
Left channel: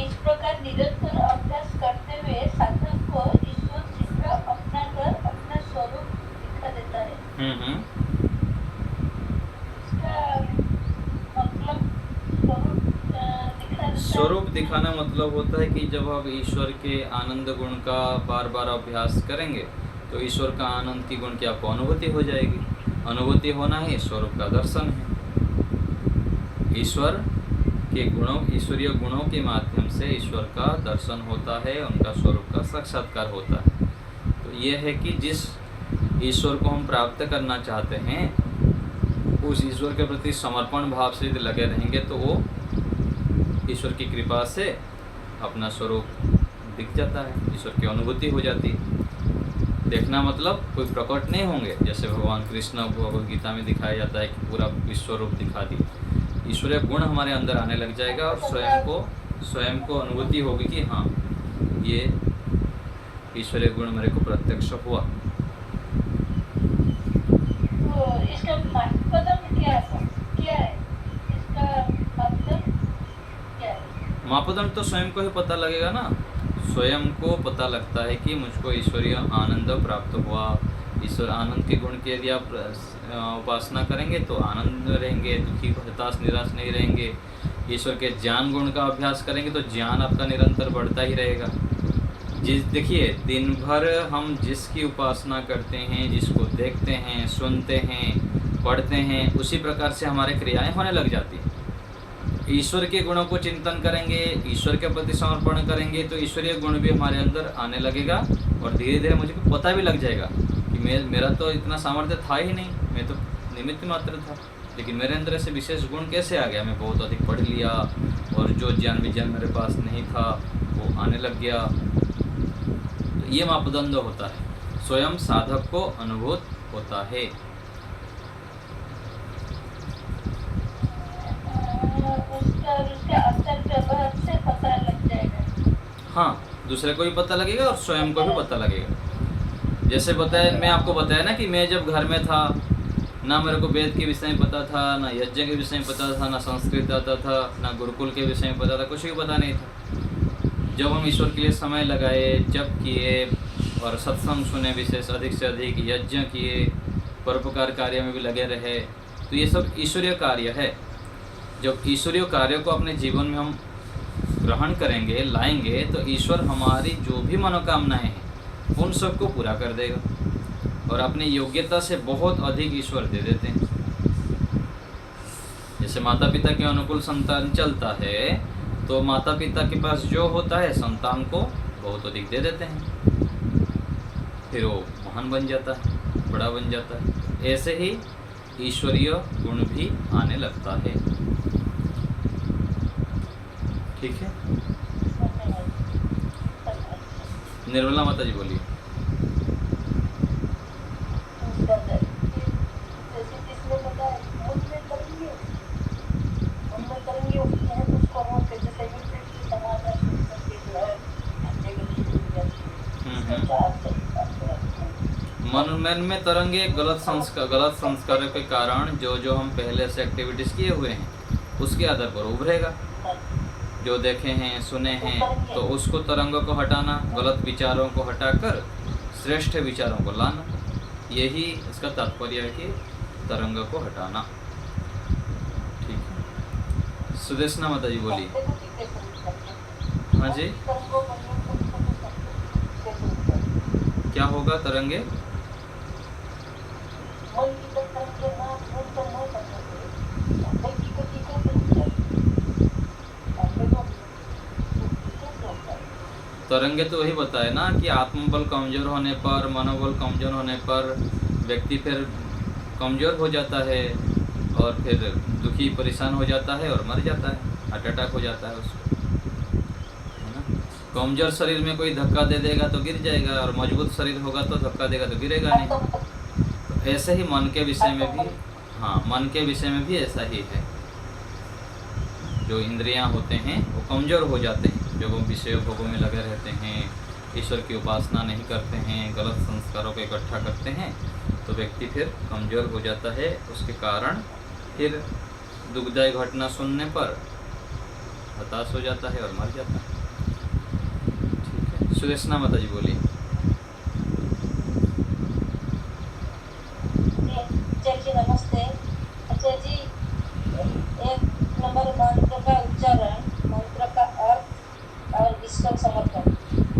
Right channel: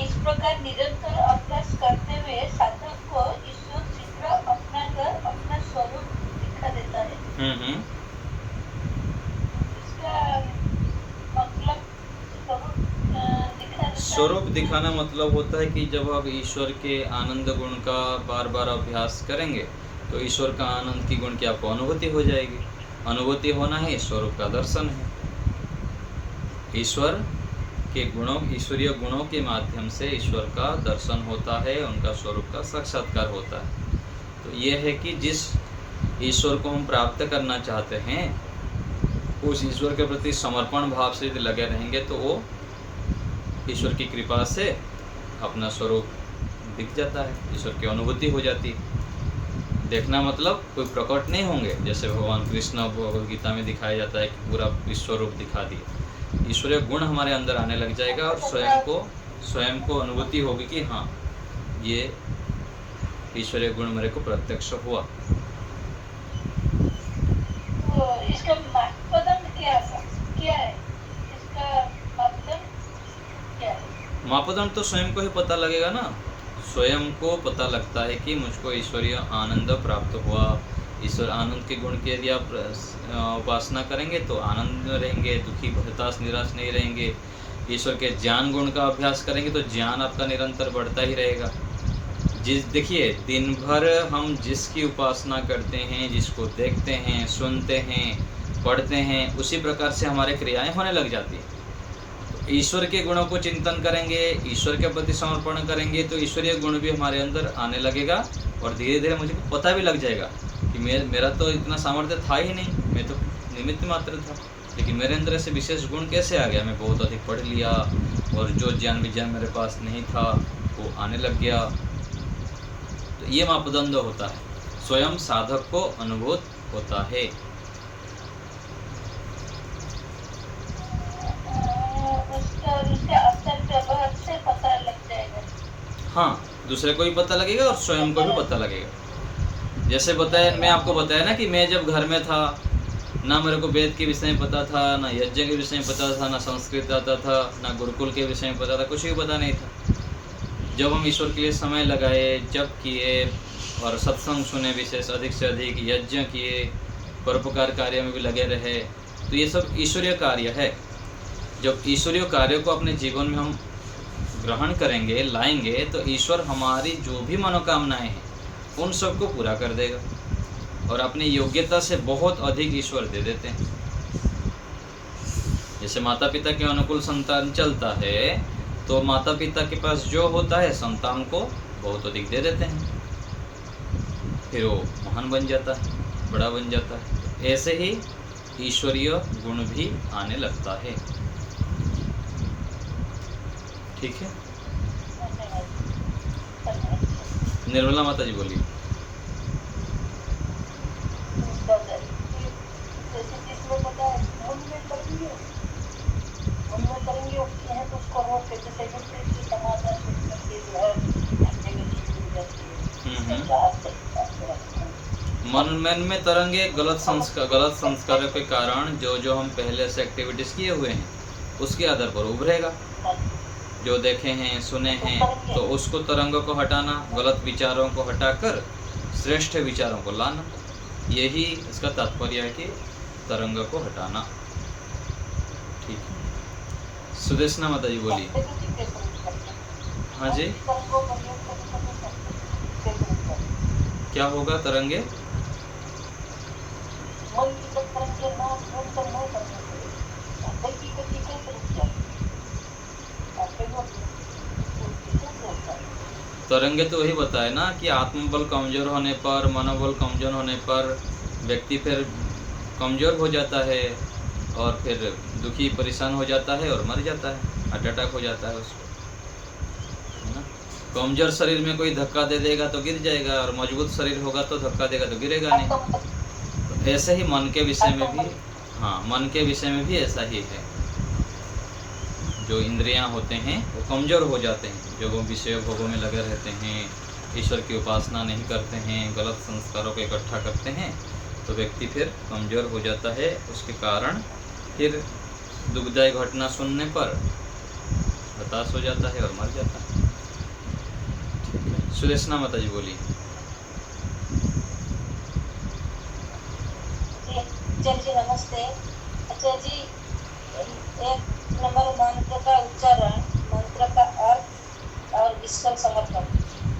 इस प्रकार निरंतर अभ्यास करते हुए साधक को ईश्वर शीघ्र अपना कर अपना स्वरूप दिखा देता है। इसका मतलब स्वरूप दिखाना मतलब होता है कि जब आप ईश्वर के आनंद गुण का बार बार अभ्यास करेंगे तो ईश्वर का आनंद की गुण की आपको अनुभूति हो जाएगी। अनुभूति होना ही स्वरूप का दर्शन है। ईश्वर के गुणों, ईश्वरीय गुणों के माध्यम से ईश्वर का दर्शन होता है, उनका स्वरूप का साक्षात्कार होता है। तो ये है कि जिस ईश्वर को हम प्राप्त करना चाहते हैं उस ईश्वर के प्रति समर्पण भाव से यदि लगे रहेंगे तो वो ईश्वर की कृपा से अपना स्वरूप दिख जाता है, ईश्वर की अनुभूति हो जाती है। देखना मतलब कोई प्रकट नहीं होंगे, जैसे भगवान कृष्ण भगवद गीता में दिखाया जाता है कि पूरा विश्व रूप दिखा दी। ईश्वरीय गुण हमारे अंदर आने लग जाएगा और स्वयं को अनुभूति होगी कि हाँ ये ईश्वरीय गुण मेरे को प्रत्यक्ष हुआ। तो इसका मापदंड क्या है? इसका मापदंड क्या है? मापदंड तो स्वयं को ही पता लगेगा ना। स्वयं को पता लगता है कि मुझको ईश्वरीय आनंद प्राप्त हुआ। ईश्वर आनंद के गुण के यदि आप उपासना करेंगे तो आनंद में रहेंगे, दुखी हताश निराश नहीं रहेंगे। ईश्वर के ज्ञान गुण का अभ्यास करेंगे तो ज्ञान आपका निरंतर बढ़ता ही रहेगा। देखिए दिन भर हम जिसकी उपासना करते हैं, जिसको देखते हैं, सुनते हैं, पढ़ते हैं, उसी प्रकार से हमारे क्रियाएं होने लग जाती हैं। ईश्वर के गुणों को चिंतन करेंगे, ईश्वर के प्रति समर्पण करेंगे तो ईश्वरीय गुण भी हमारे अंदर आने लगेगा और धीरे धीरे मुझे पता भी लग जाएगा कि मेरा तो इतना सामर्थ्य था ही नहीं, मैं तो निमित्त मात्र था, लेकिन मेरे अंदर ऐसे विशेष गुण कैसे आ गया। मैं बहुत अधिक पढ़ लिया और जो ज्ञान विज्ञान मेरे पास नहीं था वो आने लग गया। तो ये मापदंड होता है, स्वयं साधक को अनुभूत होता है। उसका अंतर व्यवहार से पता लग जाएगा। हाँ, दूसरे को भी पता लगेगा और स्वयं को भी पता लगेगा। जैसे बताया, मैं आपको बताया ना कि मैं जब घर में था, ना मेरे को वेद के विषय में पता था, ना यज्ञ के विषय में पता था, ना संस्कृत आता था, ना गुरुकुल के विषय में पता था, कुछ भी पता नहीं था। जब हम ईश्वर के लिए समय लगाए, जप किए और सत्संग सुने, विशेष अधिक से अधिक यज्ञ किए, परोपकार कार्य में भी लगे रहे, तो ये सब ईश्वरीय कार्य है। जब ईश्वरीय कार्यों को अपने जीवन में हम ग्रहण करेंगे, लाएंगे, तो ईश्वर हमारी जो भी मनोकामनाएं हैं उन सबको पूरा कर देगा और अपनी योग्यता से बहुत अधिक ईश्वर दे देते हैं। जैसे माता पिता के अनुकूल संतान चलता है, तो माता पिता के पास जो होता है संतान को बहुत अधिक दे देते हैं, फिर वो महान बन जाता है, बड़ा बन जाता है। ऐसे ही ईश्वरीय गुण भी आने लगता है। ठीक है, निर्मला माता जी बोलिए। मन में तरंगे गलत संस्कारों के कारण जो हम पहले से एक्टिविटीज किए हुए हैं उसके आधार पर उभरेगा। जो देखे हैं, सुने हैं, तो उसको तरंगों को हटाना, गलत विचारों को हटाकर श्रेष्ठ विचारों को लाना, यही इसका तात्पर्य है कि तरंग को हटाना। ठीक है, सुदेशना माता जी बोलिए। हाँ जी, क्या होगा तरंगे? तरंगे तो वही बताए ना कि आत्मबल कमजोर होने पर, मनोबल कमजोर होने पर व्यक्ति फिर कमजोर हो जाता है और फिर दुखी परेशान हो जाता है और मर जाता है, हार्ट अटैक हो जाता है उसको, है ना। कमजोर शरीर में कोई धक्का दे देगा तो गिर जाएगा और मजबूत शरीर होगा तो धक्का देगा तो गिरेगा नहीं। तो ऐसे ही मन के विषय में भी, हाँ, मन के विषय में भी ऐसा ही है। जो इंद्रियां होते हैं वो कमज़ोर हो जाते हैं, जो वो विषय भोगों में लगे रहते हैं, ईश्वर की उपासना नहीं करते हैं, गलत संस्कारों को इकट्ठा करते हैं, तो व्यक्ति फिर कमज़ोर हो जाता है। उसके कारण फिर दुखदायी घटना सुनने पर हताश हो जाता है और मर जाता है। ठीक है, सुदेशना माता जी बोली। जी नमस्ते। अच्छा जी, एक नंबर मंत्र का उच्चारण, मंत्र का अर्थ और ईश्वर समर्पण।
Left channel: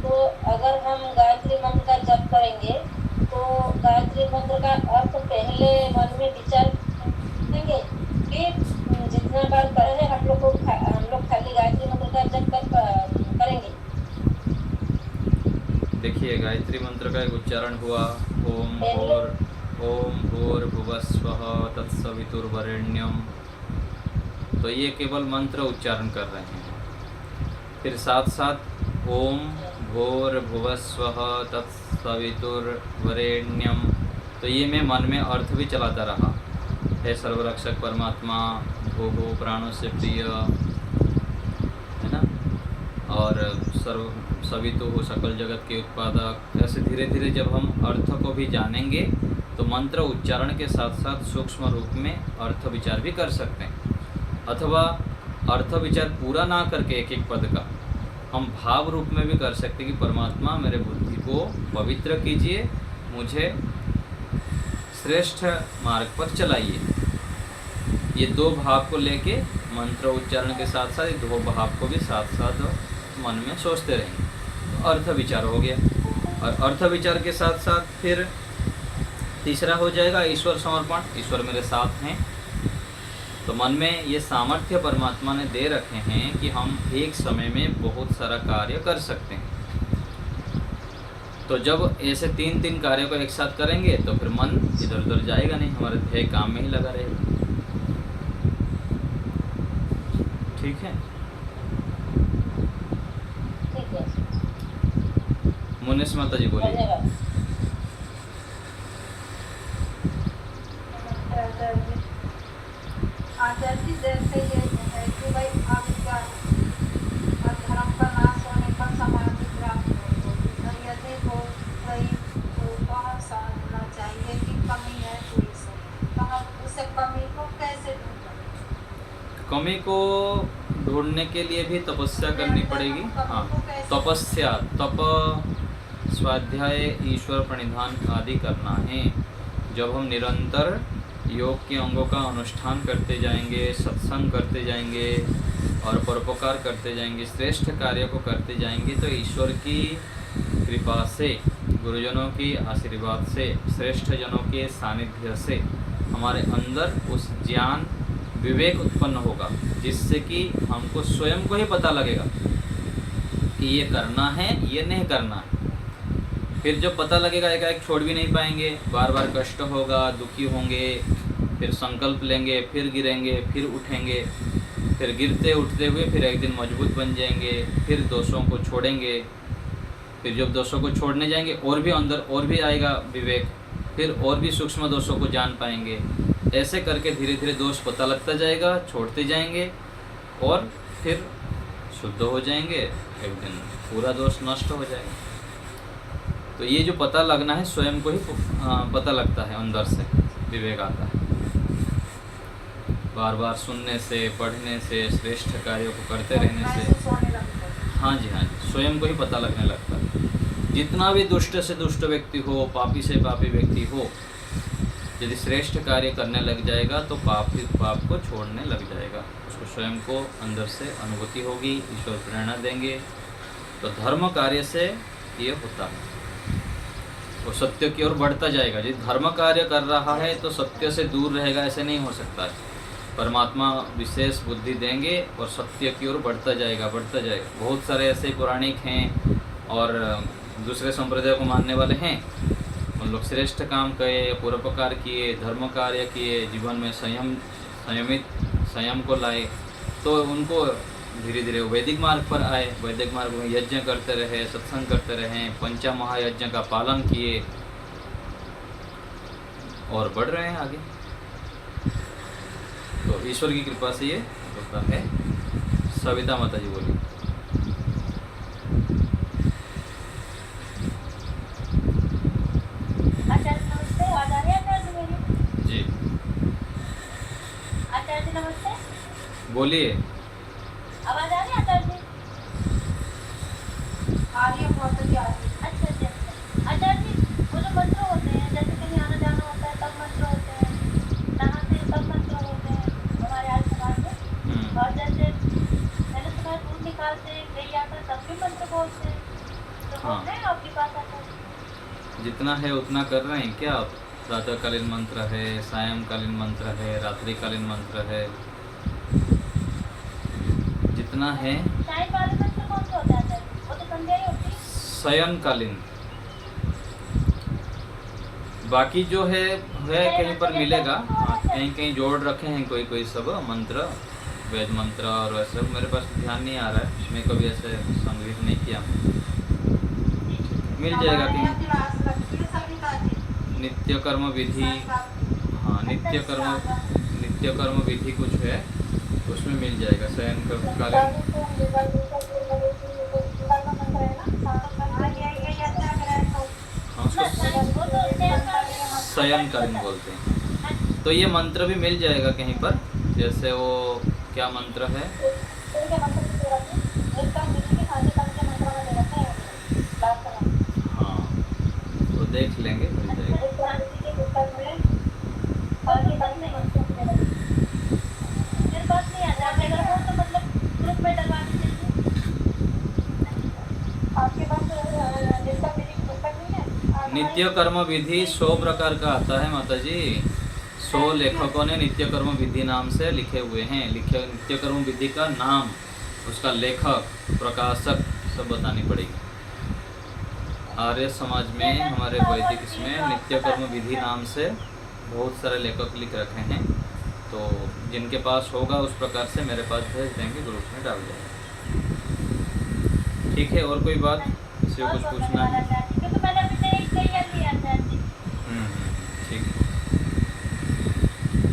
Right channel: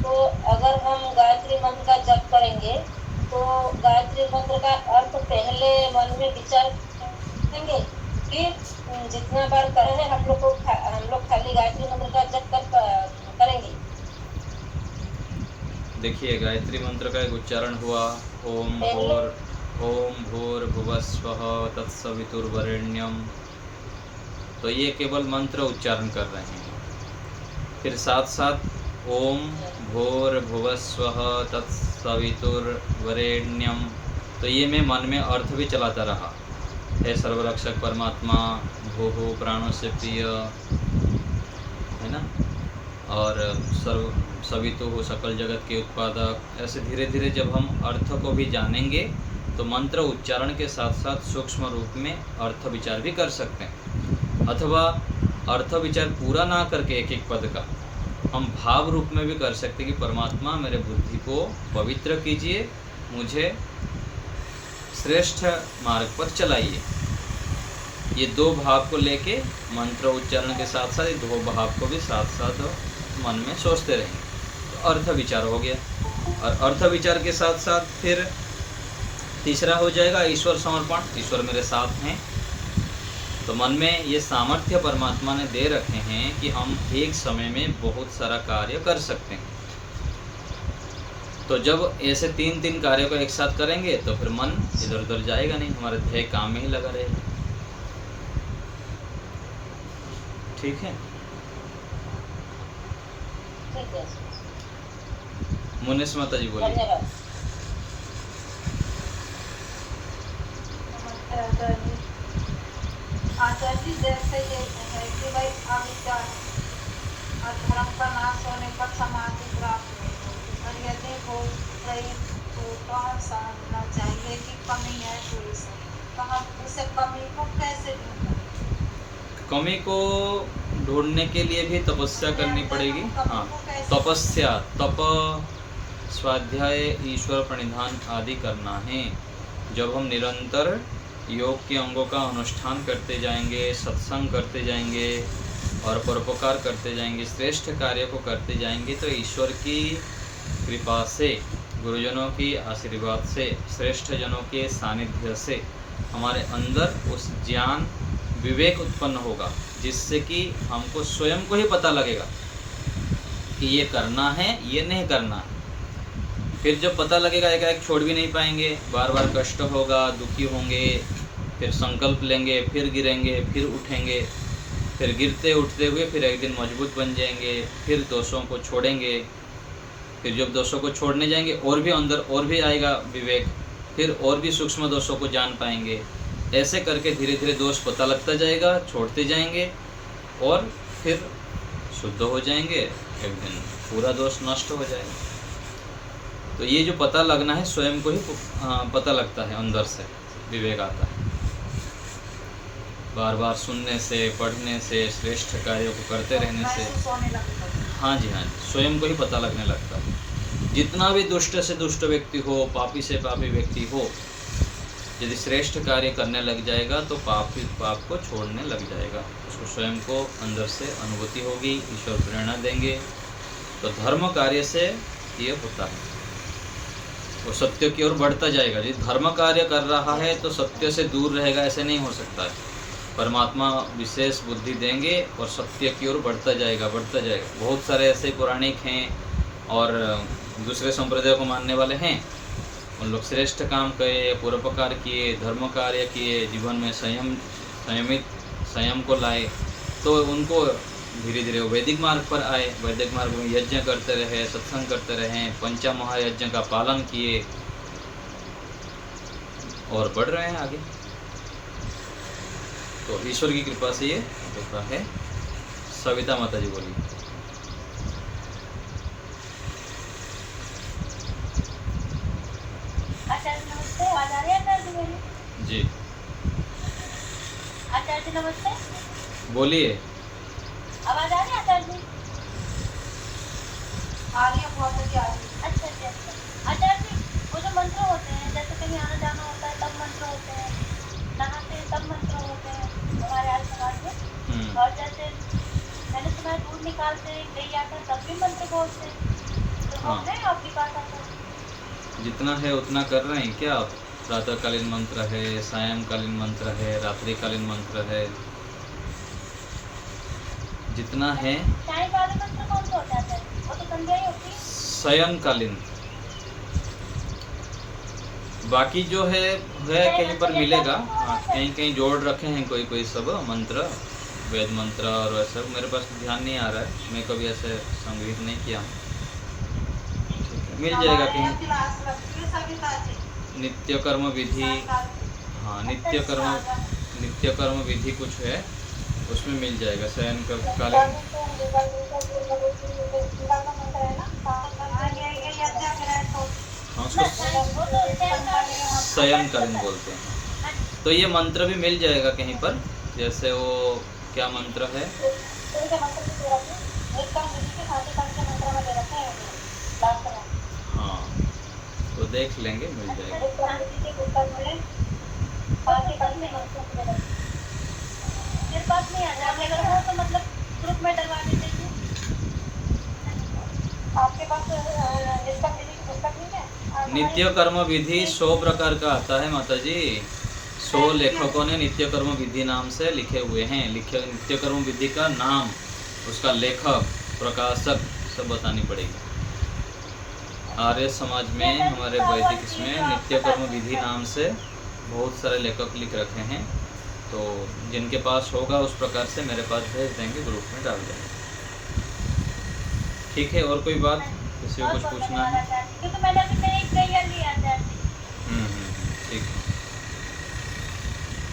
तो अगर हम गायत्री मंत्र का जप करेंगे तो गायत्री मंत्र का अर्थ पहले मन में विचार करेंगे, फिर जितना बार करें हम लोग खाली गायत्री मंत्र का जप करेंगे। देखिए, गायत्री मंत्र का एक उच्चारण हुआ, ओम भूर्भुवस्वः तत्सवितुर्वरेण्यम। तो ये केवल मंत्र उच्चारण कर रहे हैं। फिर साथ साथ ओम भूर्भुवस्वः तत्सवितुर्वरेण्यम, तो ये मैं मन में अर्थ भी चलाता रहा। हे सर्वरक्षक परमात्मा, भूः प्राणों से प्रिय, है ना, और सवितु सकल जगत के उत्पादक। ऐसे धीरे धीरे जब हम अर्थ को भी जानेंगे तो मंत्र उच्चारण के साथ साथ सूक्ष्म रूप में अर्थ विचार भी कर सकते हैं, अथवा अर्थ विचार पूरा ना करके एक एक पद का हम भाव रूप में भी कर सकते हैं कि परमात्मा मेरे बुद्धि को पवित्र कीजिए, मुझे श्रेष्ठ मार्ग पर चलाइए। ये दो भाव को लेके मंत्र उच्चारण के साथ साथ ये दो भाव को भी साथ साथ मन में सोचते रहेंगे तो अर्थ विचार हो गया। और अर्थ विचार के साथ साथ फिर तीसरा हो जाएगा ईश्वर समर्पण। ईश्वर मेरे साथ हैं, तो मन में ये सामर्थ्य परमात्मा ने दे रखे हैं कि हम एक समय में बहुत सारा कार्य कर सकते हैं। तो जब ऐसे तीन तीन कार्यों को एक साथ करेंगे तो फिर मन इधर उधर जाएगा नहीं, हमारे ध्येय काम में ही लगा रहेगा। ठीक है, मुनेश माता जी बोलिए। आचार्य जी, जैसे ये है कि भाई अविद्या और धर्म का नाश हो होने पर समाधि प्राप्त नहीं होगी, और यदि हो गई तो वह समझना चाहिए कि कमी है पूरी से। कहाँ उसे कमी को कैसे दूर करें? कमी को ढूंढने के लिए भी तपस्या करनी पड़ेगी। हाँ, तपस्या, तप, स्वाध्याय, ईश्वर प्रणिधान आदि करना है। जब हम निरंतर योग के अंगों का अनुष्ठान करते जाएंगे, सत्संग करते जाएंगे और परोपकार करते जाएंगे, श्रेष्ठ कार्य को करते जाएंगे, तो ईश्वर की कृपा से, गुरुजनों की आशीर्वाद से, श्रेष्ठ जनों के सानिध्य से हमारे अंदर उस ज्ञान, विवेक उत्पन्न होगा, जिससे कि हमको स्वयं को ही पता लगेगा कि ये करना है, ये नहीं करना है। फिर जब पता लगेगा, एक छोड़ भी नहीं पाएंगे, बार बार कष्ट होगा, दुखी होंगे, फिर संकल्प लेंगे, फिर गिरेंगे, फिर उठेंगे, फिर गिरते उठते हुए फिर एक दिन मजबूत बन जाएंगे, फिर दोषों को छोड़ेंगे, फिर जब दोषों को छोड़ने जाएंगे और भी अंदर और भी आएगा विवेक, फिर और भी सूक्ष्म दोषों को जान पाएंगे। ऐसे करके धीरे धीरे दोष पता लगता जाएगा, छोड़ते जाएंगे और फिर शुद्ध हो जाएंगे, एक दिन पूरा दोष नष्ट हो जाएगा। तो ये जो पता लगना है, स्वयं को ही पता लगता है, अंदर से विवेक आता है। बार बार सुनने से, पढ़ने से, श्रेष्ठ कार्यों को करते रहने से, हाँ जी, स्वयं को ही पता लगने लगता है। जितना भी दुष्ट से दुष्ट व्यक्ति हो, पापी से पापी व्यक्ति हो, यदि श्रेष्ठ कार्य करने लग जाएगा तो पाप को छोड़ने लग जाएगा। उसको स्वयं को अंदर से अनुभूति होगी, ईश्वर प्रेरणा देंगे। तो धर्म कार्य से ये होता है, वो सत्य की ओर बढ़ता जाएगा। यदि धर्म कार्य कर रहा है तो सत्य से दूर रहेगा, ऐसे नहीं हो सकता है। परमात्मा विशेष बुद्धि देंगे और सत्य की ओर बढ़ता जाएगा, बढ़ता जाएगा। बहुत सारे ऐसे पौराणिक हैं और दूसरे संप्रदाय को मानने वाले हैं, उन लोग श्रेष्ठ काम किए, परोपकार किए, धर्म कार्य किए, जीवन में संयम को लाए, तो उनको धीरे धीरे वैदिक मार्ग पर आए। वैदिक मार्ग में यज्ञ करते रहे, सत्संग करते रहे, पंचा महायज्ञ का पालन किए और बढ़ रहे हैं आगे। तो ईश्वर की कृपा से ये होता है। सविता माता जी बोली। आचार्य नमस्ते, आवाज आ रही है आचार्य जी मेरी? जी आचार्य जी नमस्ते, बोलिए। आवाज आ रही है आचार्य जी? आ रही है, बहुत अच्छी आ रही है। अच्छा जी, अच्छा आचार्य जी, वो जो मंत्र होते हैं, जैसे कहीं आना जाना होता है तब मंत्र होते हैं, नहाते हैं तब मंत्र होते हैं हमारे आज समाज में, और जैसे मैंने सुना है दूध निकालते हैं गैया का तब भी मंत्र बोलते हैं, तो हाँ। वो है आपकी बात आचार्य? जितना है उतना कर रहे हैं क्या? प्रातःकालीन मंत्र है, सायंकालीन मंत्र है, रात्रिकालीन मंत्र है, जितना है। सायं वाले मंत्र कौन सा होता है आचार्य? वो तो संध्या ही होती है। शयनकालीन, बाकी जो है कहीं पर मिलेगा। हाँ, कहीं कहीं जोड़ रखे हैं कोई कोई सब मंत्र, वेद मंत्र और वैसे। मेरे पास ध्यान नहीं आ रहा है, मैं कभी ऐसे संग्रहित नहीं किया हूँ। मिल जाएगा कहीं। क्लास लगती है सविता जी। नित्य कर्म विधि, हाँ, नित्य कर्म विधि कुछ है, उसमें मिल जाएगा। शयन कालीन, हाँ, उसको शयनकालीन बोलते हैं। तो ये मंत्र भी मिल जाएगा कहीं पर, जैसे वो क्या मंत्र है, हाँ, वो देख लेंगे, मिल जाएगा। मेरे पास नहीं आता, अगर हो तो मतलब ग्रुप में डलवा दीजिए। आपके पास पुस्तक नहीं है? नित्य कर्म विधि 100 प्रकार का आता है माता जी। 100 लेखकों ने नित्य कर्म विधि नाम से लिखे हुए हैं। नित्य कर्म विधि का नाम, उसका लेखक, प्रकाशक सब बतानी पड़ेगी। आर्य समाज में, हमारे वैदिक इसमें नित्य कर्म विधि नाम से बहुत सारे लेखक लिख रखे हैं। तो जिनके पास होगा उस प्रकार से मेरे पास भेज देंगे, ग्रुप में डाल देंगे। ठीक है, और कोई बात, किसी को कुछ पूछना है? क्योंकि मैंने अभी से एक गैया लिया आचार्य जी। ठीक है,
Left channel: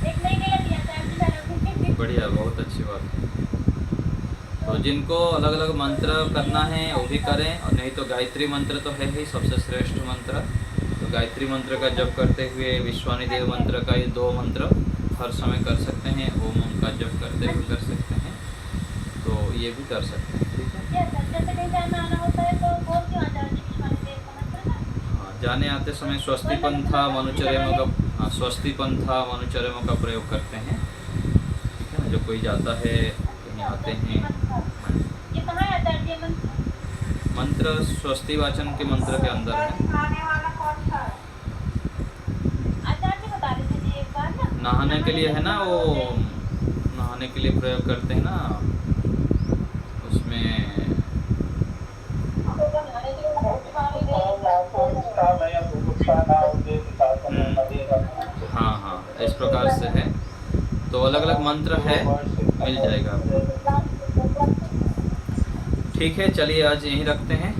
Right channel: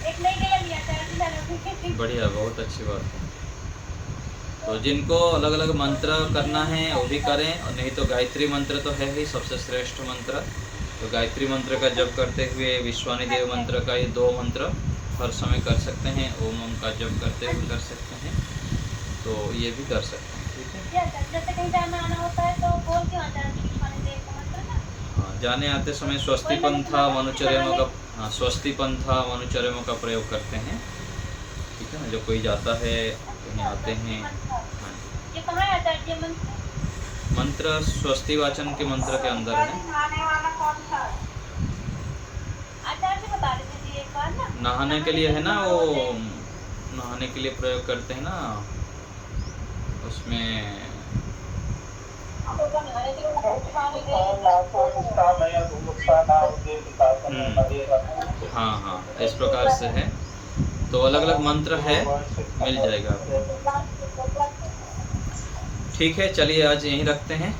एक नई गैया लिया आचार्य जी मैंने अभी। बढ़िया, बहुत अच्छी बात है। तो तो जिनको अलग अलग मंत्र करना है वो भी करें, और नहीं तो गायत्री मंत्र तो है ही सबसे श्रेष्ठ मंत्र। तो गायत्री मंत्र का जप करते हुए विश्वानी देव मंत्र का ये 2 मंत्र हर समय कर सकते हैं। ओम का जप करते हुए कर सकते हैं, तो ये भी कर सकते हैं। ठीक है, जैसे कहीं जाना आना होता है तो बोल क्यों आता है विश्वानी देव का मंत्र ना? हाँ, जाने आते समय स्वस्ति पंथा मनुचर्यमों का, हाँ, स्वस्ति पंथा मनुचर्यमों का प्रयोग करते हैं। ठीक है ना, जो कोई जाता है कहीं आते हैं। हाँ, ये कहाँ आता है ये मंत्र? मंत्र स्वस्ति वाचन के मंत्र के अंदर है। नहाने वाला कौन था? आचार्य जी बता रहे थे जी एक बार ना, नहाने के लिए है ना, वो नहाने के लिए प्रयोग करते हैं ना, उसमें हाँ हाँ इस प्रकार से है। तो अलग अलग मंत्र है, मिल जाएगा आपको। ठीक है, चलिए आज यहीं रखते हैं।